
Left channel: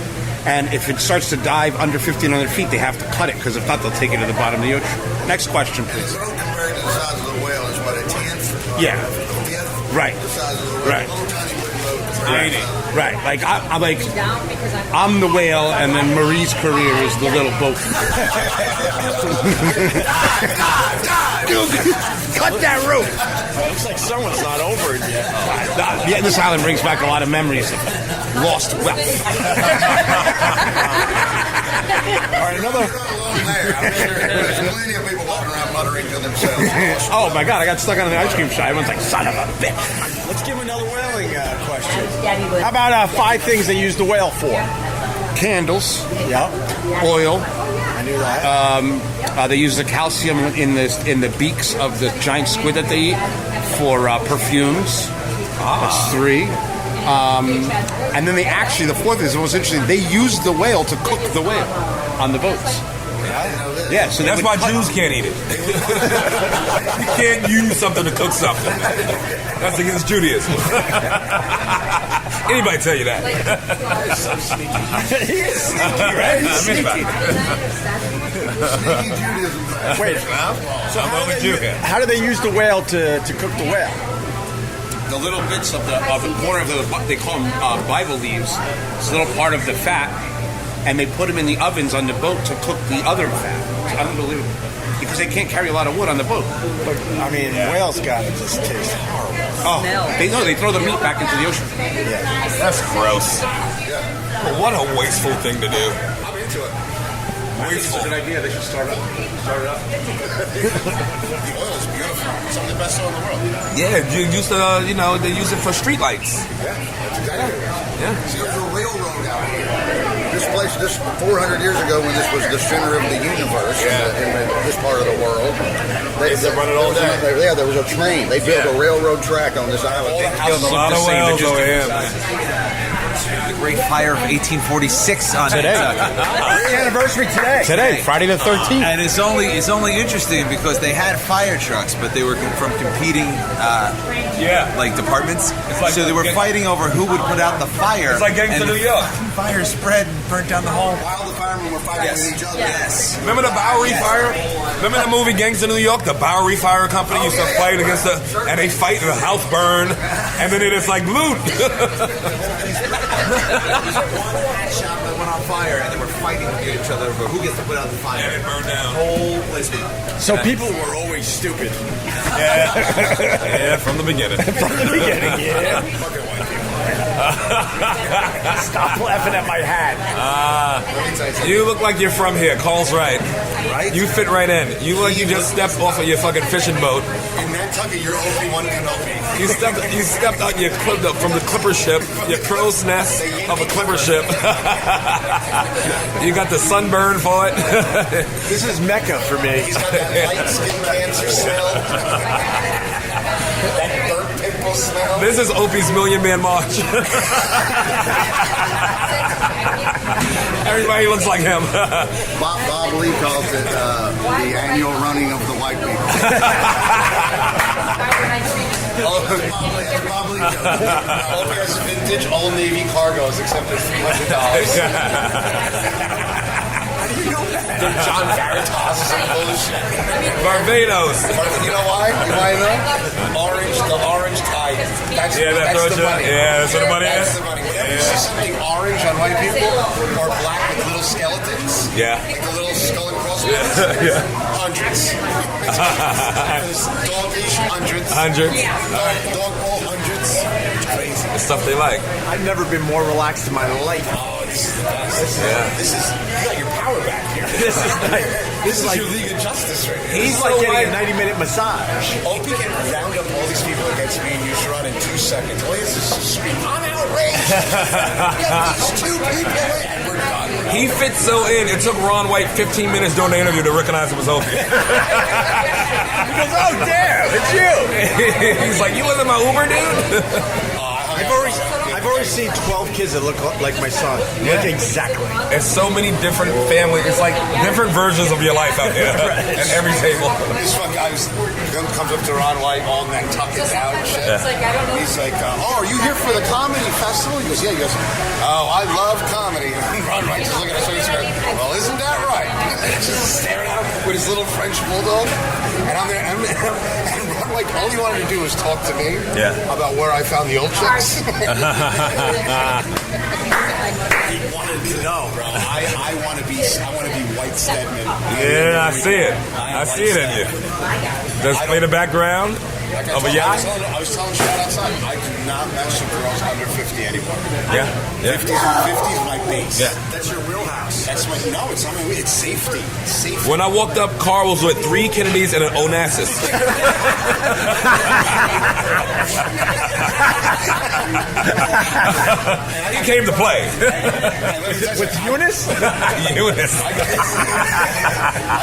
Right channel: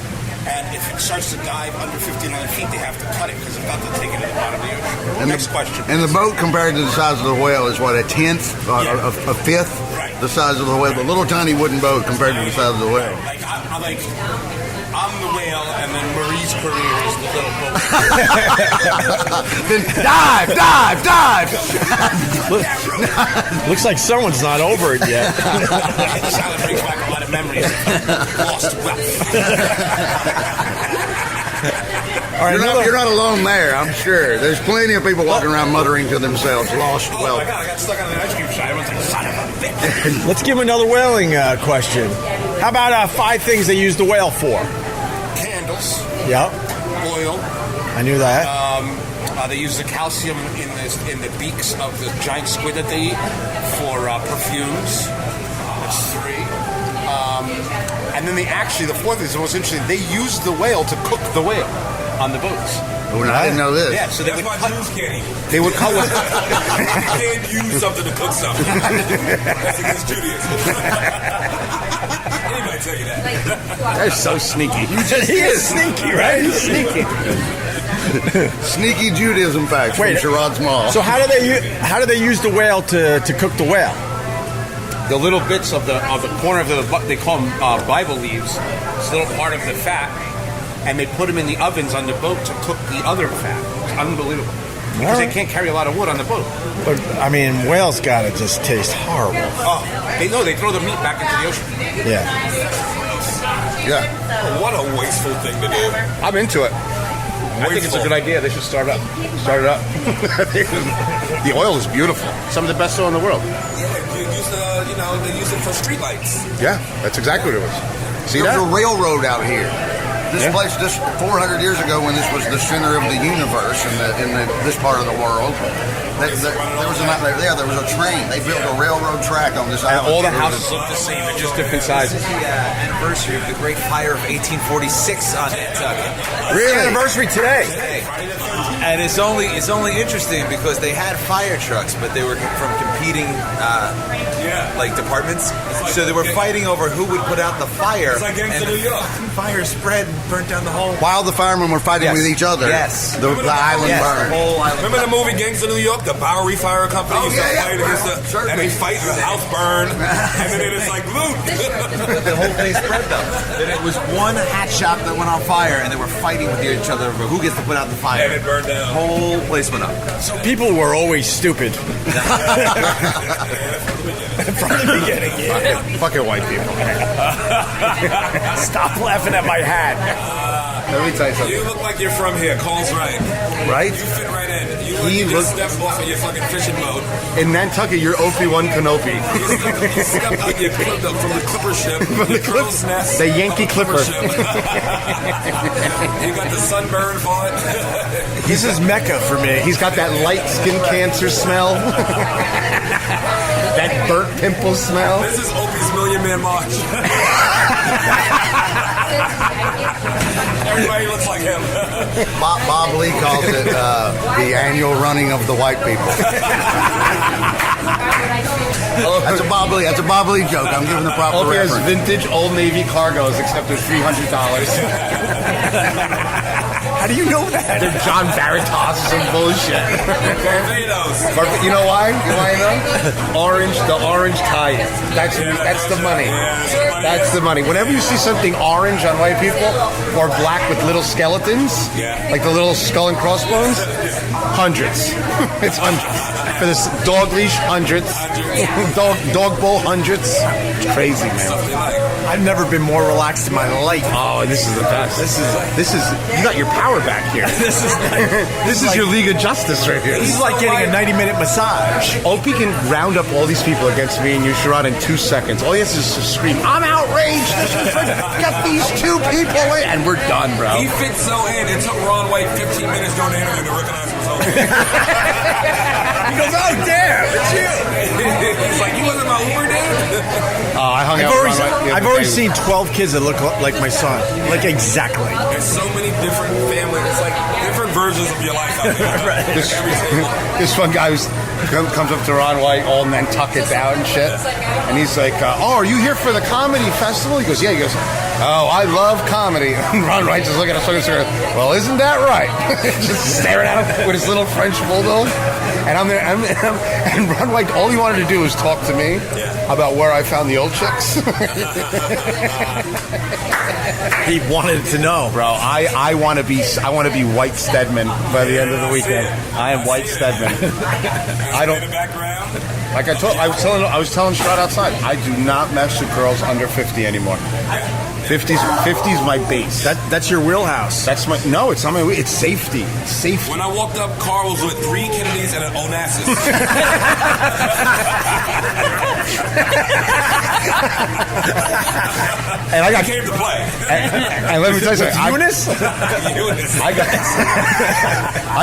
And if it starts to dive under 1,500 feet, they have to cut it, because if not, they'll take it to the bottom of the ocean. Next question. And the boat, compared to the size of the whale, is what, a tenth? Yeah. A fifth? Right. The size of the whale. Right. A little tiny wooden boat compared to the size of the whale. Right. Like, I'm the whale, and then Marie's career is the little boat. Dive! Cut that rope! Looks like someone's not over it yet. Yeah, this island brings back a lot of memories of lost wealth. All right, You're not alone there, I'm sure. There's plenty of people walking around muttering to themselves. Lost Oh wealth. my God, I got stuck on the ice cream shop. Everyone's like, son of a bitch. Let's give him another whaling question. How about 5 things they use the whale for? Candles, Yep. oil. I knew that. They use the calcium in the beaks of the giant squid that they eat for perfumes. That's 3. And then the fourth is the most interesting. They used the whale to cook the whale on the boats. I didn't know this. Yeah, so That's why Jews can't eat it. They would You can't use something to cook something. That's against Judaism. Anybody tell you that? That's so sneaky. He is sneaky, right? He's sneaky. Sneaky Judaism facts. Wait, Sherrod's Mall. so how do they use the whale to cook the whale? The little bits of the corner of they call them Bible leaves. It's a little part of the fat, and they put them in the ovens on the boat to cook the other fat. It's unbelievable because they can't carry a lot of wood on the boat. But I mean, whale's gotta just taste horrible. Oh, they throw the meat back into the ocean. Yeah. That's gross. Yeah. What a wasteful thing to do. I'm into it. I think it's a good idea. They should start it up. The oil is beautiful. Some of the best oil in the world. Yeah, they use it for streetlights. Yeah, that's exactly what it was. Yeah. See, there's a railroad out here. This place, 400 years ago, when this was the center of the universe in this part of the world, there was a train. They built a railroad track on this island. All the houses look the same. They're just different sizes. Anniversary of the Great Fire of 1846 on Nantucket. It's the anniversary today. Friday the 13th. And it's only interesting because they had fire trucks, but they were from competing like departments. So they were fighting over who would put out the fire. It's like Gangs and of New the York. fucking fire spread and burnt down the whole. While the firemen were fighting with each other. Yes. The island fire. Remember the movie Gangs of New York? The Bowery Fire Company used to fight against and they fight and the house burn, and then it's like loot. It was one hat shop that went on fire, and they were fighting with each other over who gets to put out the fire. And it burned down. The whole place went up. So people were always stupid. Yeah, from the beginning. From the beginning, yeah. Fucking white people. Stop laughing at my hat. Let me tell you something. You look like you're from here. Carl's right. Right? You fit right in. You look like you just stepped off of your fucking fishing boat. In Nantucket, you're Opie one Canopy. You stepped out from the clipper ship, your crow's nest, The Yankee of a clipper ship. You got the sunburn for it. This is Mecca for me. He's got that light skin cancer smell. That burnt pimple smell. This is Opie's Million Man March. Everybody looks like him. Bob Lee calls it the annual running of the white people. That's a Bob Lee joke. I'm giving the proper Opie has reference. vintage Old Navy cargos, except they're $300. How do you know that? They're John Veritas, some bullshit. Barbados. You know why? You want to know? The orange tie. That's the money. Yeah, that's what the money That's is. the money. Whenever you see something orange on white people or black with little skeletons, like the little skull and crossbones, hundreds. It's hundreds. For this dog leash, hundreds. Dog bowl, hundreds. Crazy. The stuff they like. I've never been more relaxed in my life. Oh, this is the best. This is you got your power back here. This is like your League of Justice right here. He's like getting a 90-minute massage. Opie can round up all these people against me and you, Sherrod, in 2 seconds. All he has to do is scream, I'm outraged! Got these two people! And we're done, bro. He fits so in. It took Ron White 15 minutes during the interview to recognize him as Opie. He goes, oh, damn, it's you. He's like, you wasn't my Uber dude? I've already seen 12 kids that look like my son. Like, exactly. There's so many different families. It's like different versions of your life out there. Right. At every table. This one guy comes up to Ron White, all Nantucket's out and shit. And he's like, oh, are you here for the comedy festival? He goes, yeah. He goes, oh, I love comedy. And Ron White just looking at us and saying, well, isn't that right? Just staring at him with his little French bulldog. And I'm there, and Ron White, all he wanted to do was talk to me about where I found the old chicks. He wanted to know, bro. I want to be White Stedman. I see it. I am White Stedman. Does it play the background? Like I was telling Sherrod outside, I do not mess with girls under 50 anymore. Yeah. 50's my base. That's your wheelhouse. It's not my. It's safety. It's safety. When I walked up, Carl was with 3 Kennedys and an Onassis. And I came to play. And let me tell you With Eunice? Eunice. I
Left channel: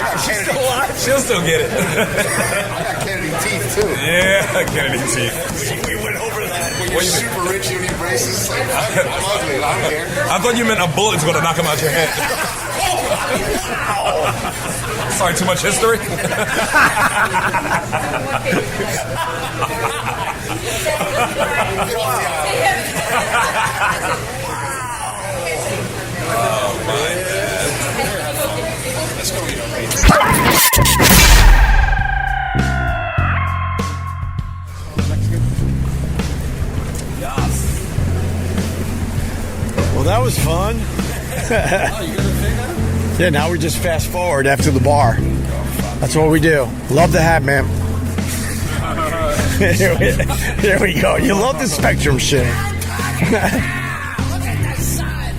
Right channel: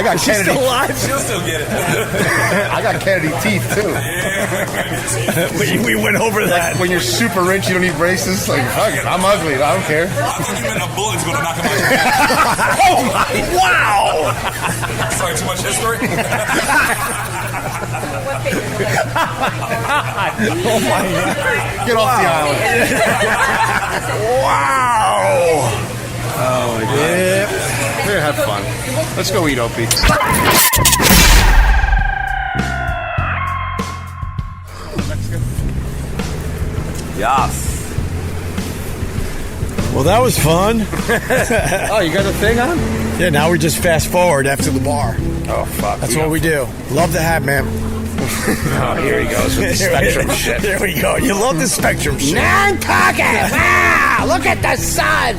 got She's Kennedy. still alive? She'll still get it. I got Kennedy teeth too. Yeah, Kennedy teeth. We went over that. When you're super rich, you don't need braces. Like, fuck it, I'm ugly. I don't care. I thought you meant a bullet's going to knock him out your head. Oh, wow. Sorry, too much history? Get off the island. Wow. Oh, my. Yeah. Here, have fun. Let's go eat, Opie. Yes. Well, that was fun. Oh, you got the thing on? Yeah, now we just fast forward after the bar. Oh, fuck. That's what we do. Love the hat, man. Oh, here he goes. Spectrum shit. Here we go. You love the Spectrum shit. Nantucket! Look at the sun!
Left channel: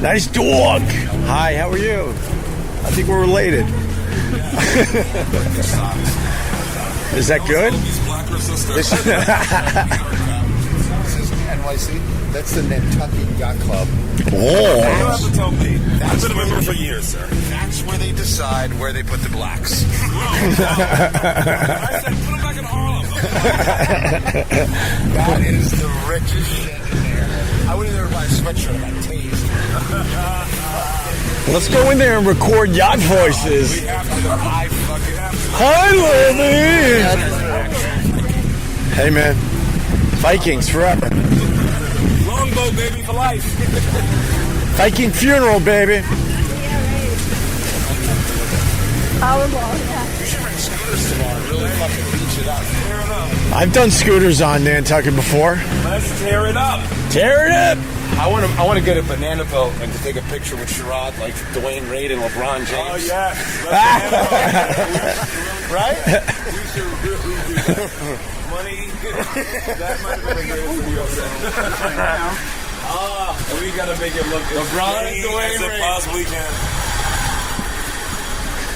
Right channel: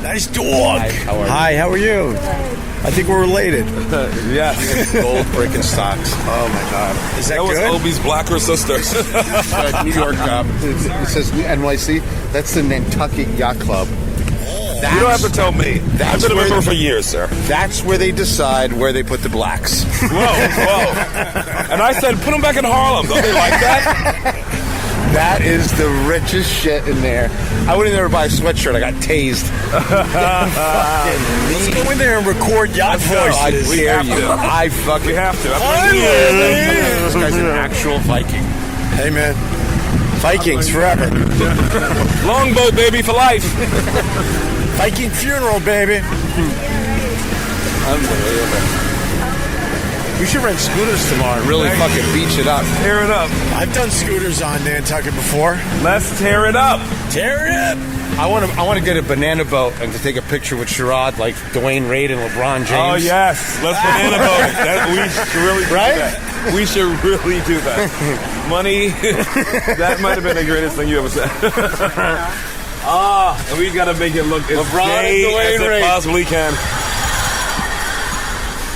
Nice dog. Hi, how are you? I think we're related. Yeah. Gold breaking stocks. Oh, my God. Is that That good? was Opie's blacker sister. New York. It says NYC. That's the Nantucket Yacht Club. Oh. You don't have to tell me. I've That's been a where member the- for years, sir. That's where they decide where they put the blacks. Whoa. And I said, put them back in Harlem. Don't they like that? That is the richest shit in there. I went in there to buy a sweatshirt. I got tased. Let's go in there and record yacht voices. We have to. I fucking We have to. Hi, This ladies. guy's an actual Viking. Hey, man. Vikings forever. Longboat, baby, for life. Viking funeral, baby. Unbelievable. We should rent scooters tomorrow and really fucking beach it up. Tear it up. I've done scooters on Nantucket before. Let's tear it up. Tear it up. I want to get a banana boat and to take a picture with Sherrod, like Dwayne Wade and LeBron James. Oh, yes. Let's we should really do Right? that. We should really do that. Money, that might have been the greatest thing you ever said. And we got to make it look as LeBron and gay Dwayne as it Wade. possibly can.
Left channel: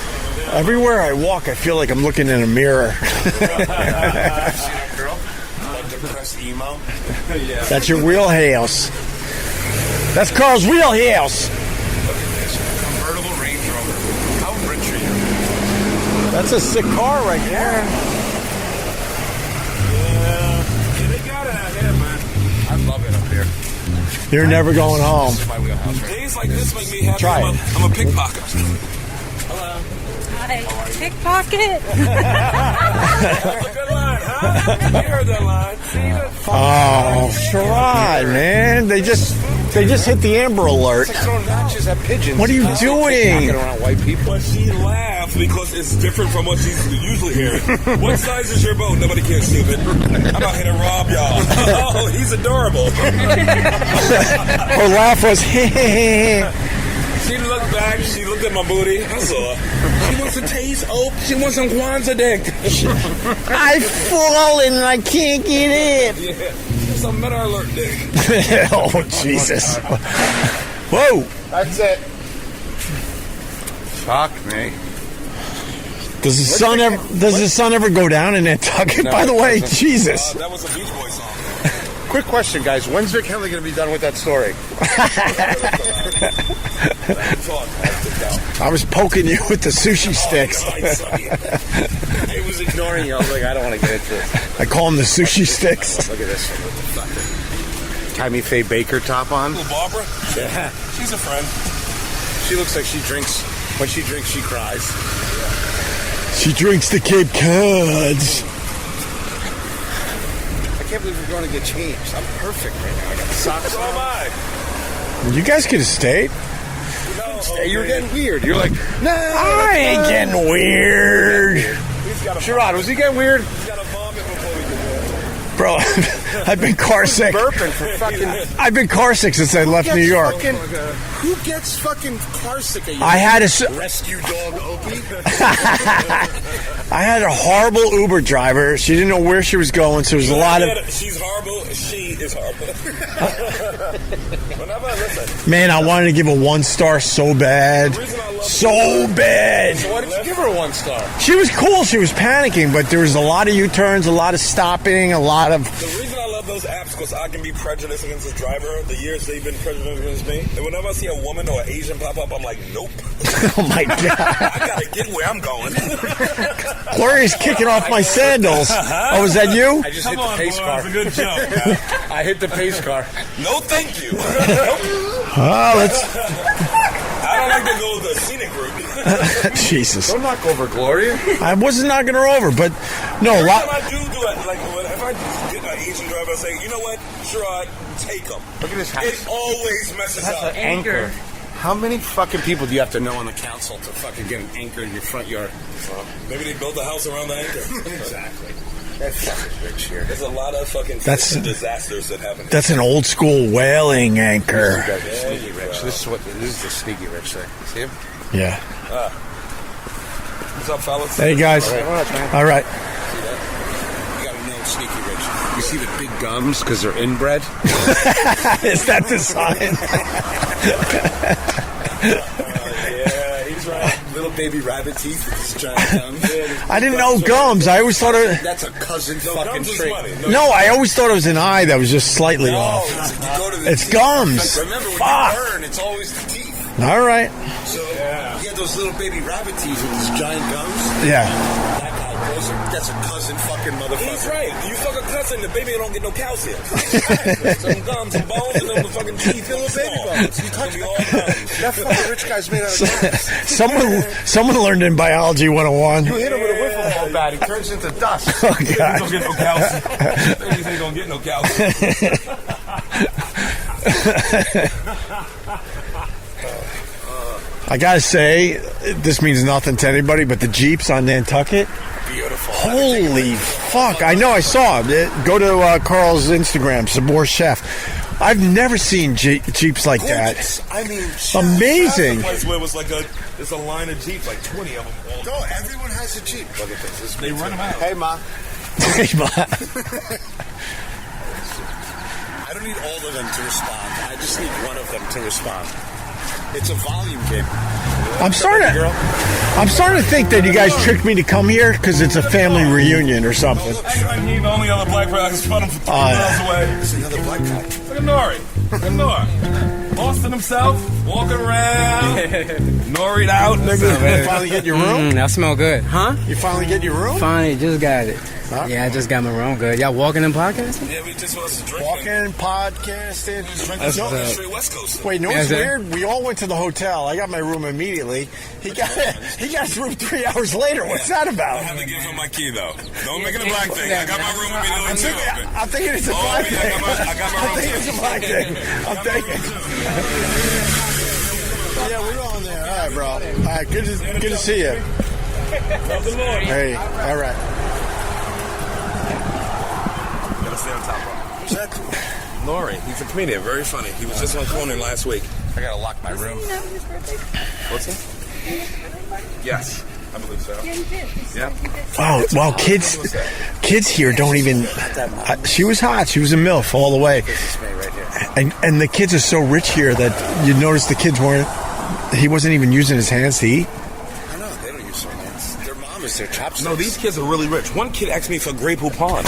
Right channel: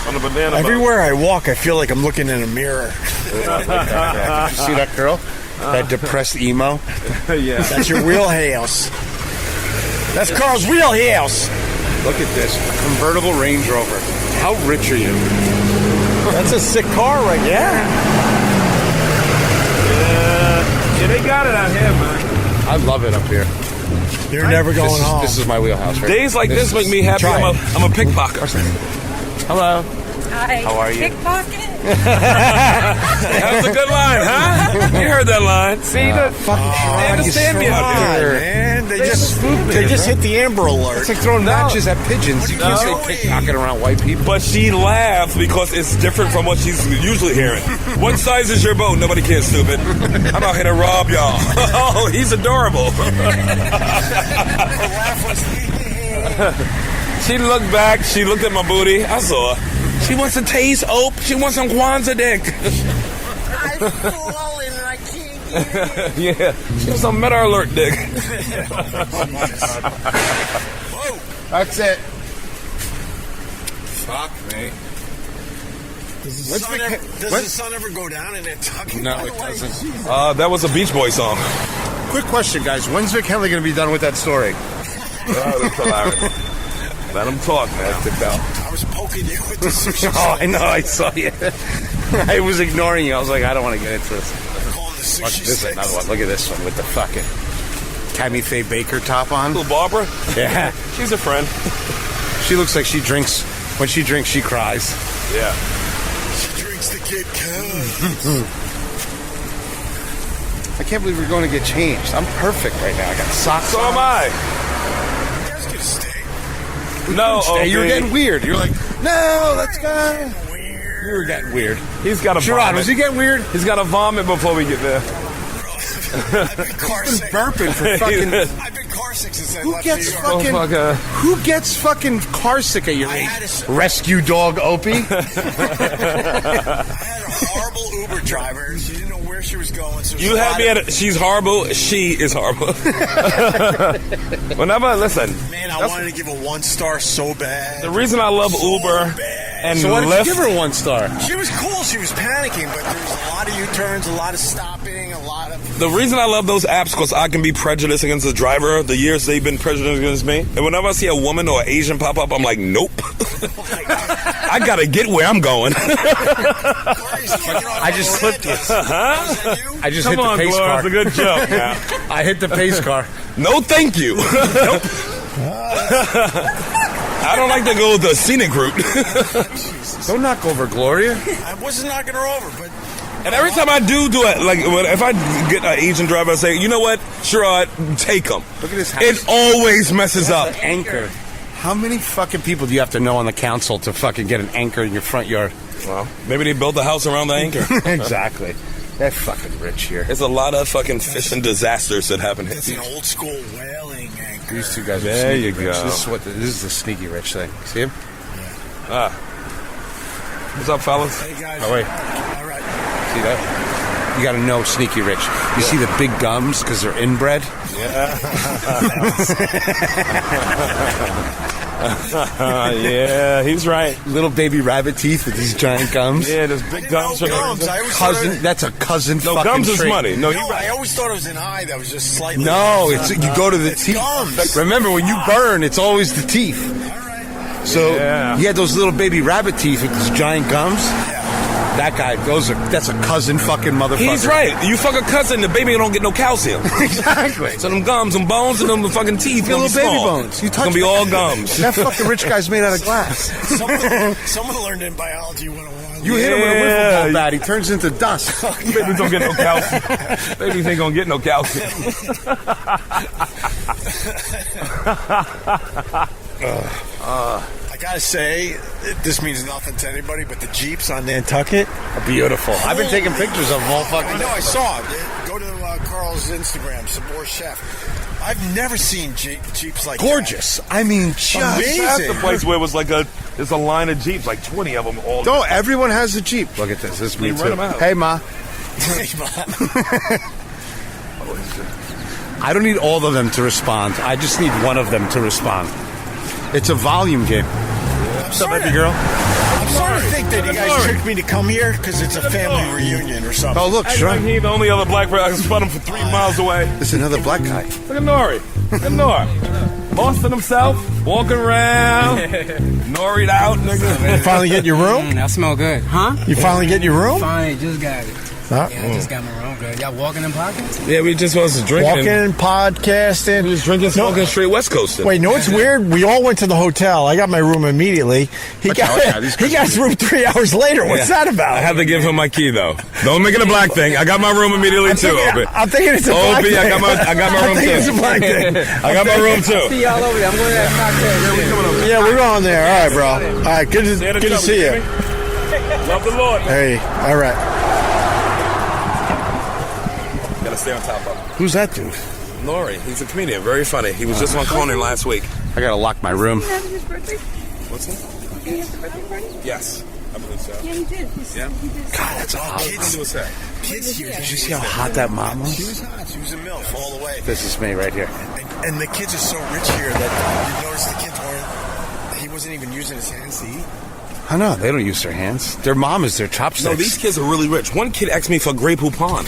On the banana boat. Everywhere I walk, I feel like I'm looking in a mirror. See that girl? That depressed emo? Yeah. That's your wheelhouse. That's Carl's wheelhouse. Look at this. Convertible Range Rover. How rich are you? That's a sick car right there. Yeah, they got it out here, man. I love it up here. You're never going home. This is my wheelhouse, right? Days like this make me happy. Try I'm a pickpocket. Hello. Hi. How are you? Pickpocket. That was a good line, huh? You heard that line. See, Oh, try, man. They just hit the Amber Alert. It's like throwing matches at pigeons. What are you Don't say doing? pickpocketing around white people. But she laughed because it's different from what she's usually hearing. What size is your boat? Nobody cares, stupid. I'm out here to rob y'all. Oh, he's adorable. Her laugh was, She looked back. She looked at my booty. I saw her. She wants to taste Ope. She wants some Kwanzaa dick. I've fallen and I can't get in. Yeah. She was some Meta Alert dick. Oh, Jesus. Whoa. That's it. Fuck me. Does the sun ever go down in Nantucket? No, By the it way, doesn't. Jesus. That was a Beach Boy song. Quick question, guys. When's Vic Henley going to be done with that story? Let him talk, man. I was poking you with the sushi Oh, I sticks. know. I saw you. I was ignoring you. I was like, I don't want to get into this. I call them the sushi This sticks. another one. Look at this one with the fucking Tammy Faye Baker top on. Little Barbara. Yeah. She's a friend. She looks like she drinks. When she drinks, she cries. Yeah. She drinks the Cape Cods. I can't believe we're going to get changed. I'm perfect right now. I got socks So on. am I. You guys could have stayed. No, Hey, you were getting weird. You're like, no, I ain't getting weird. weird. He's got a Sherrod, was he getting weird? He's got to vomit before we get there. Bro, I've been car sick. Burping for fucking. I've been car sick since I left New York. Who gets fucking car sick at your I had a rescue dog, Opie? I had a horrible Uber driver. She didn't know where she was going, so there's a lot of... She's horrible. She is horrible. Whenever, listen. Man, I wanted to give a 1-star so bad. The reason I love so Uber... bad. So why did you give her a 1-star? She was cool. She was panicking, but there was a lot of U-turns, a lot of stopping, a lot of... The reason I love those apps because I can be prejudiced against the driver the years they've been prejudiced against me. And whenever I see a woman or an Asian pop up, I'm like, nope. Oh, my God. I got to get where I'm going. Gloria's kicking off my sandals. Oh, was that you? I just hit the pace car. It's a good joke. I hit the pace car. No, thank you. Nope. I don't like to go with the scenic route. Jesus. Don't knock over Gloria. I wasn't knocking her over, but no. Every time I do it, like if I get an Asian driver, I say, you know what, Sherrod, take him. Look at this house. It always messes up. Anchor. How many fucking people do you have to know on the council to fucking get an anchor in your front yard? Well, maybe they built the house around the anchor. Exactly. They're fucking rich here. There's a lot of fucking fishing disasters that happen. That's an old school whaling anchor. These two guys are sneaky rich. This is the sneaky rich thing. See him? Yeah. What's up, fellas? Hey, guys. Oh, wait. All right. See that? You got to know sneaky rich. You see the big gums because they're inbred? Is that the sign? Yeah, he's right. Little baby rabbit teeth with these giant gums. I didn't know gums. I always thought that's a cousin fucking gums trait. is money. No, I always thought it was an eye that was just slightly off. No, you go to the It's teeth. gums. Remember, when you burn, it's always the teeth. All right. So he had those little baby rabbit teeth with these giant gums. Yeah. That guy, that's a cousin fucking motherfucker. He's right. You fuck a cousin, the baby don't get no calcium. Exactly. So them gums, them bones, and them fucking teeth. Little baby bones. You touch gonna be all gums. That fucking rich guy's made out of glass. Someone learned in biology 101. You hit him with a wiffle ball bat, he turns into dust. Oh, Babies don't get no calcium. Babies ain't gonna get no calcium. I gotta say, this means nothing to anybody, but the Jeeps on Nantucket, beautiful. Holy I've been taking pictures of them. fuck! I know, I saw it. Go to Carl's Instagram, Sabor Chef. I've never seen Jeeps like Gorgeous. that. I mean, amazing. That's the place where it was like there's a line of Jeeps, like 20 of them all. No, everyone has a Jeep. Look at this. This is me They too. run them out. Hey, Ma. Hey, Ma. I don't need all of them to respond. I just need one of them to respond. It's a volume game. I'm starting to think that you guys tricked me to come here because it's a family reunion or something. Oh, look, Act like he the only other black person. I can spot him from 3 miles away. There's another black guy. Look at Nori. Look at Nori. Lost in himself, walking around, Nori'd out, nigga. You finally get your room? That smell good. Huh? You finally get your room? Finally, just got it. Huh? Yeah, I just got my room good. Y'all walking and podcasting? Yeah, we just was drinking. Walking, podcasting. We was drinking, smoking straight West Coast. Wait, no, it's weird. We all went to the hotel. I got my room immediately. He got his room 3 hours later. What's that about? I have to give him my key though. Don't make it a black thing. I got my room immediately too. I'm thinking it's a black thing. I got my room too. It's a black thing. I got my room too. Yeah, we're going there. All right, bro. All right, good to see you. Love the Lord. Hey, all right. Gotta stay on top of him. Who's that dude? Nori. He's a comedian. Very funny. He was just on Conan last week. I gotta lock my room. His birthday? What's he? He had the birthday party? Yes, I believe so. Yeah, he did. Yeah. Oh, well, kids here don't even. Hot that mom was? She was hot. She was a MILF all the way. This is me right here. And the kids are so rich here that you notice the kids weren't. He wasn't even using his hands to eat. I know, they don't use their hands. Their mom is their chopsticks. No, these kids are really rich. One kid asked me for Grey Poupon.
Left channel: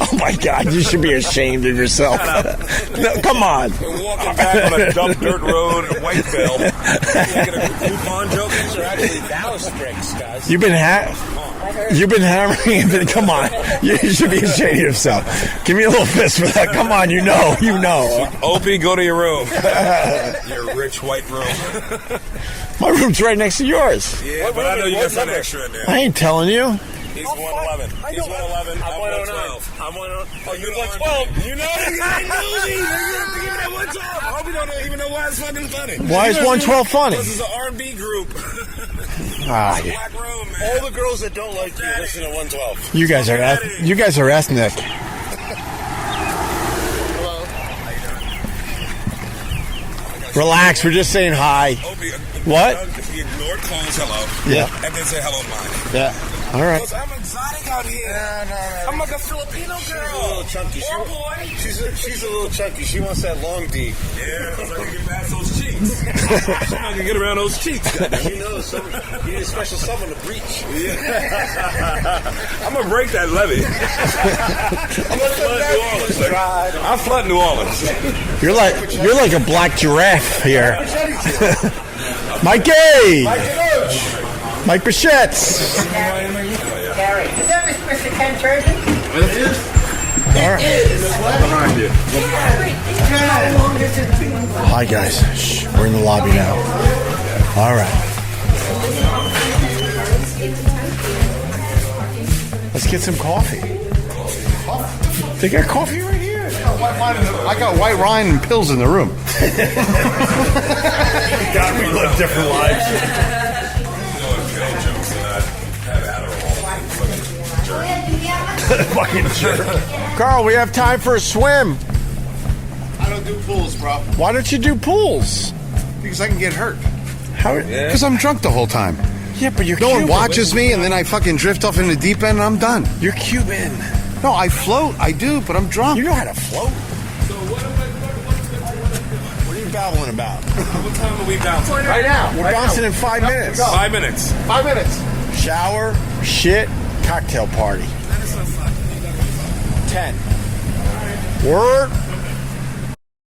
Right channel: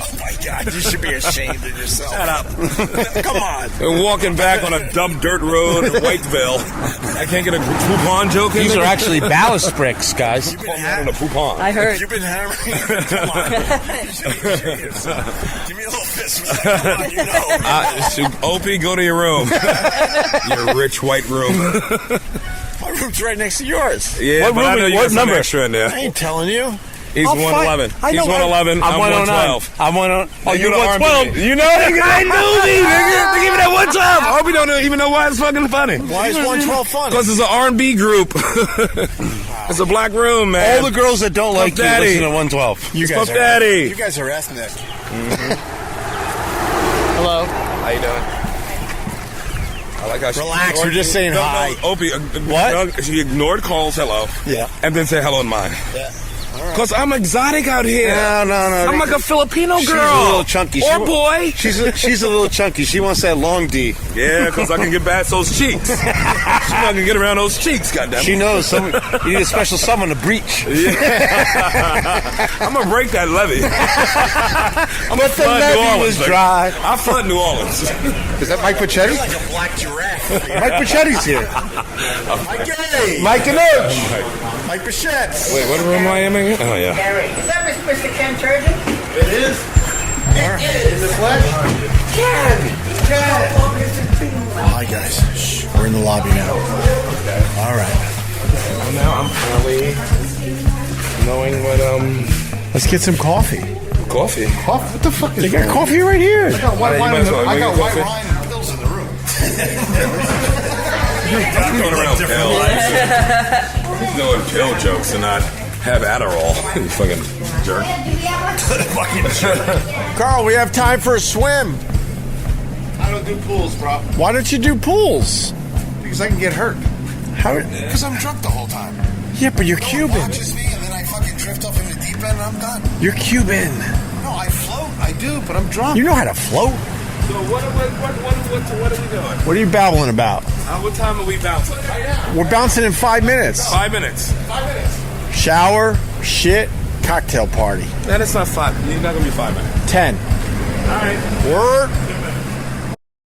Oh my God, you should be ashamed of yourself. Shut up. No, come on. And walking back on a dumb dirt road in Whiteville. I can't get a Poupon joke in. These are actually ballast bricks, guys. You've been I heard. You've been hammering him. Come on. You should be ashamed of yourself. Give me a little fist for that. Come on, you know. Opie, go to your room. Your rich white room. My room's right next to yours. Yeah, but I know you got some extra in there. I ain't telling you. He's 111. He's 111. I'm 112. I'm 112. Oh, you're 112. You know, nigga, I knew me, nigga. They give me that 112. Opie don't even know why it's fucking funny. Why is 112 funny? Because it's an R&B group. It's a black room, man. All the girls that don't like you Daddy. listen to 112. You guys Daddy. are ethnic. Relax, we're just saying hi. Opie, What? She ignored Cole's hello. Yeah. And then say hello in mine. Yeah. All right. Because I'm exotic out here. No. I'm like a Filipino girl. She's a little chunky. Or boy. She's a little chunky. She wants that long D. Yeah, because I can get past those cheeks. She's not going to get around those cheeks, goddammit. She knows. You need a special someone to breach. Yeah. I'm going to break that levee. I'm going to flood New Orleans. I'll flood New Orleans. You're like a black giraffe here. Mike Pachetti's here. Mikey! Mike Denucci. Mike Bichette's. Wait, what am I aiming at? Oh, yeah. Is that Mr. Ken Turgeon? It is. All right. How long has it been? Hi, guys. Shh, we're in the lobby now. All right. Now I'm finally knowing what, Let's get some coffee. Coffee? What the fuck? They got coffee right here. I got white white wine and pills in the room. We live different lives. No pill jokes and I have Adderall. Fucking jerk. Fucking jerk. Carl, we have time for a swim. I don't do pools, bro. Why don't you do pools? Because I can get hurt. How? Because I'm drunk the whole time. Yeah, but you're No Cuban. one watches me, and then I fucking drift off in the deep end, and I'm done. You're Cuban. No, I float. I do, but I'm drunk. You know how to float. So what are we doing? What are you babbling about? What time are we bouncing? Right now. We're bouncing in 5 minutes. 5 minutes. 5 minutes. Shower, shit, cocktail party. That is not 5. You're not going to be 5 minutes. 10. All right. Word. You're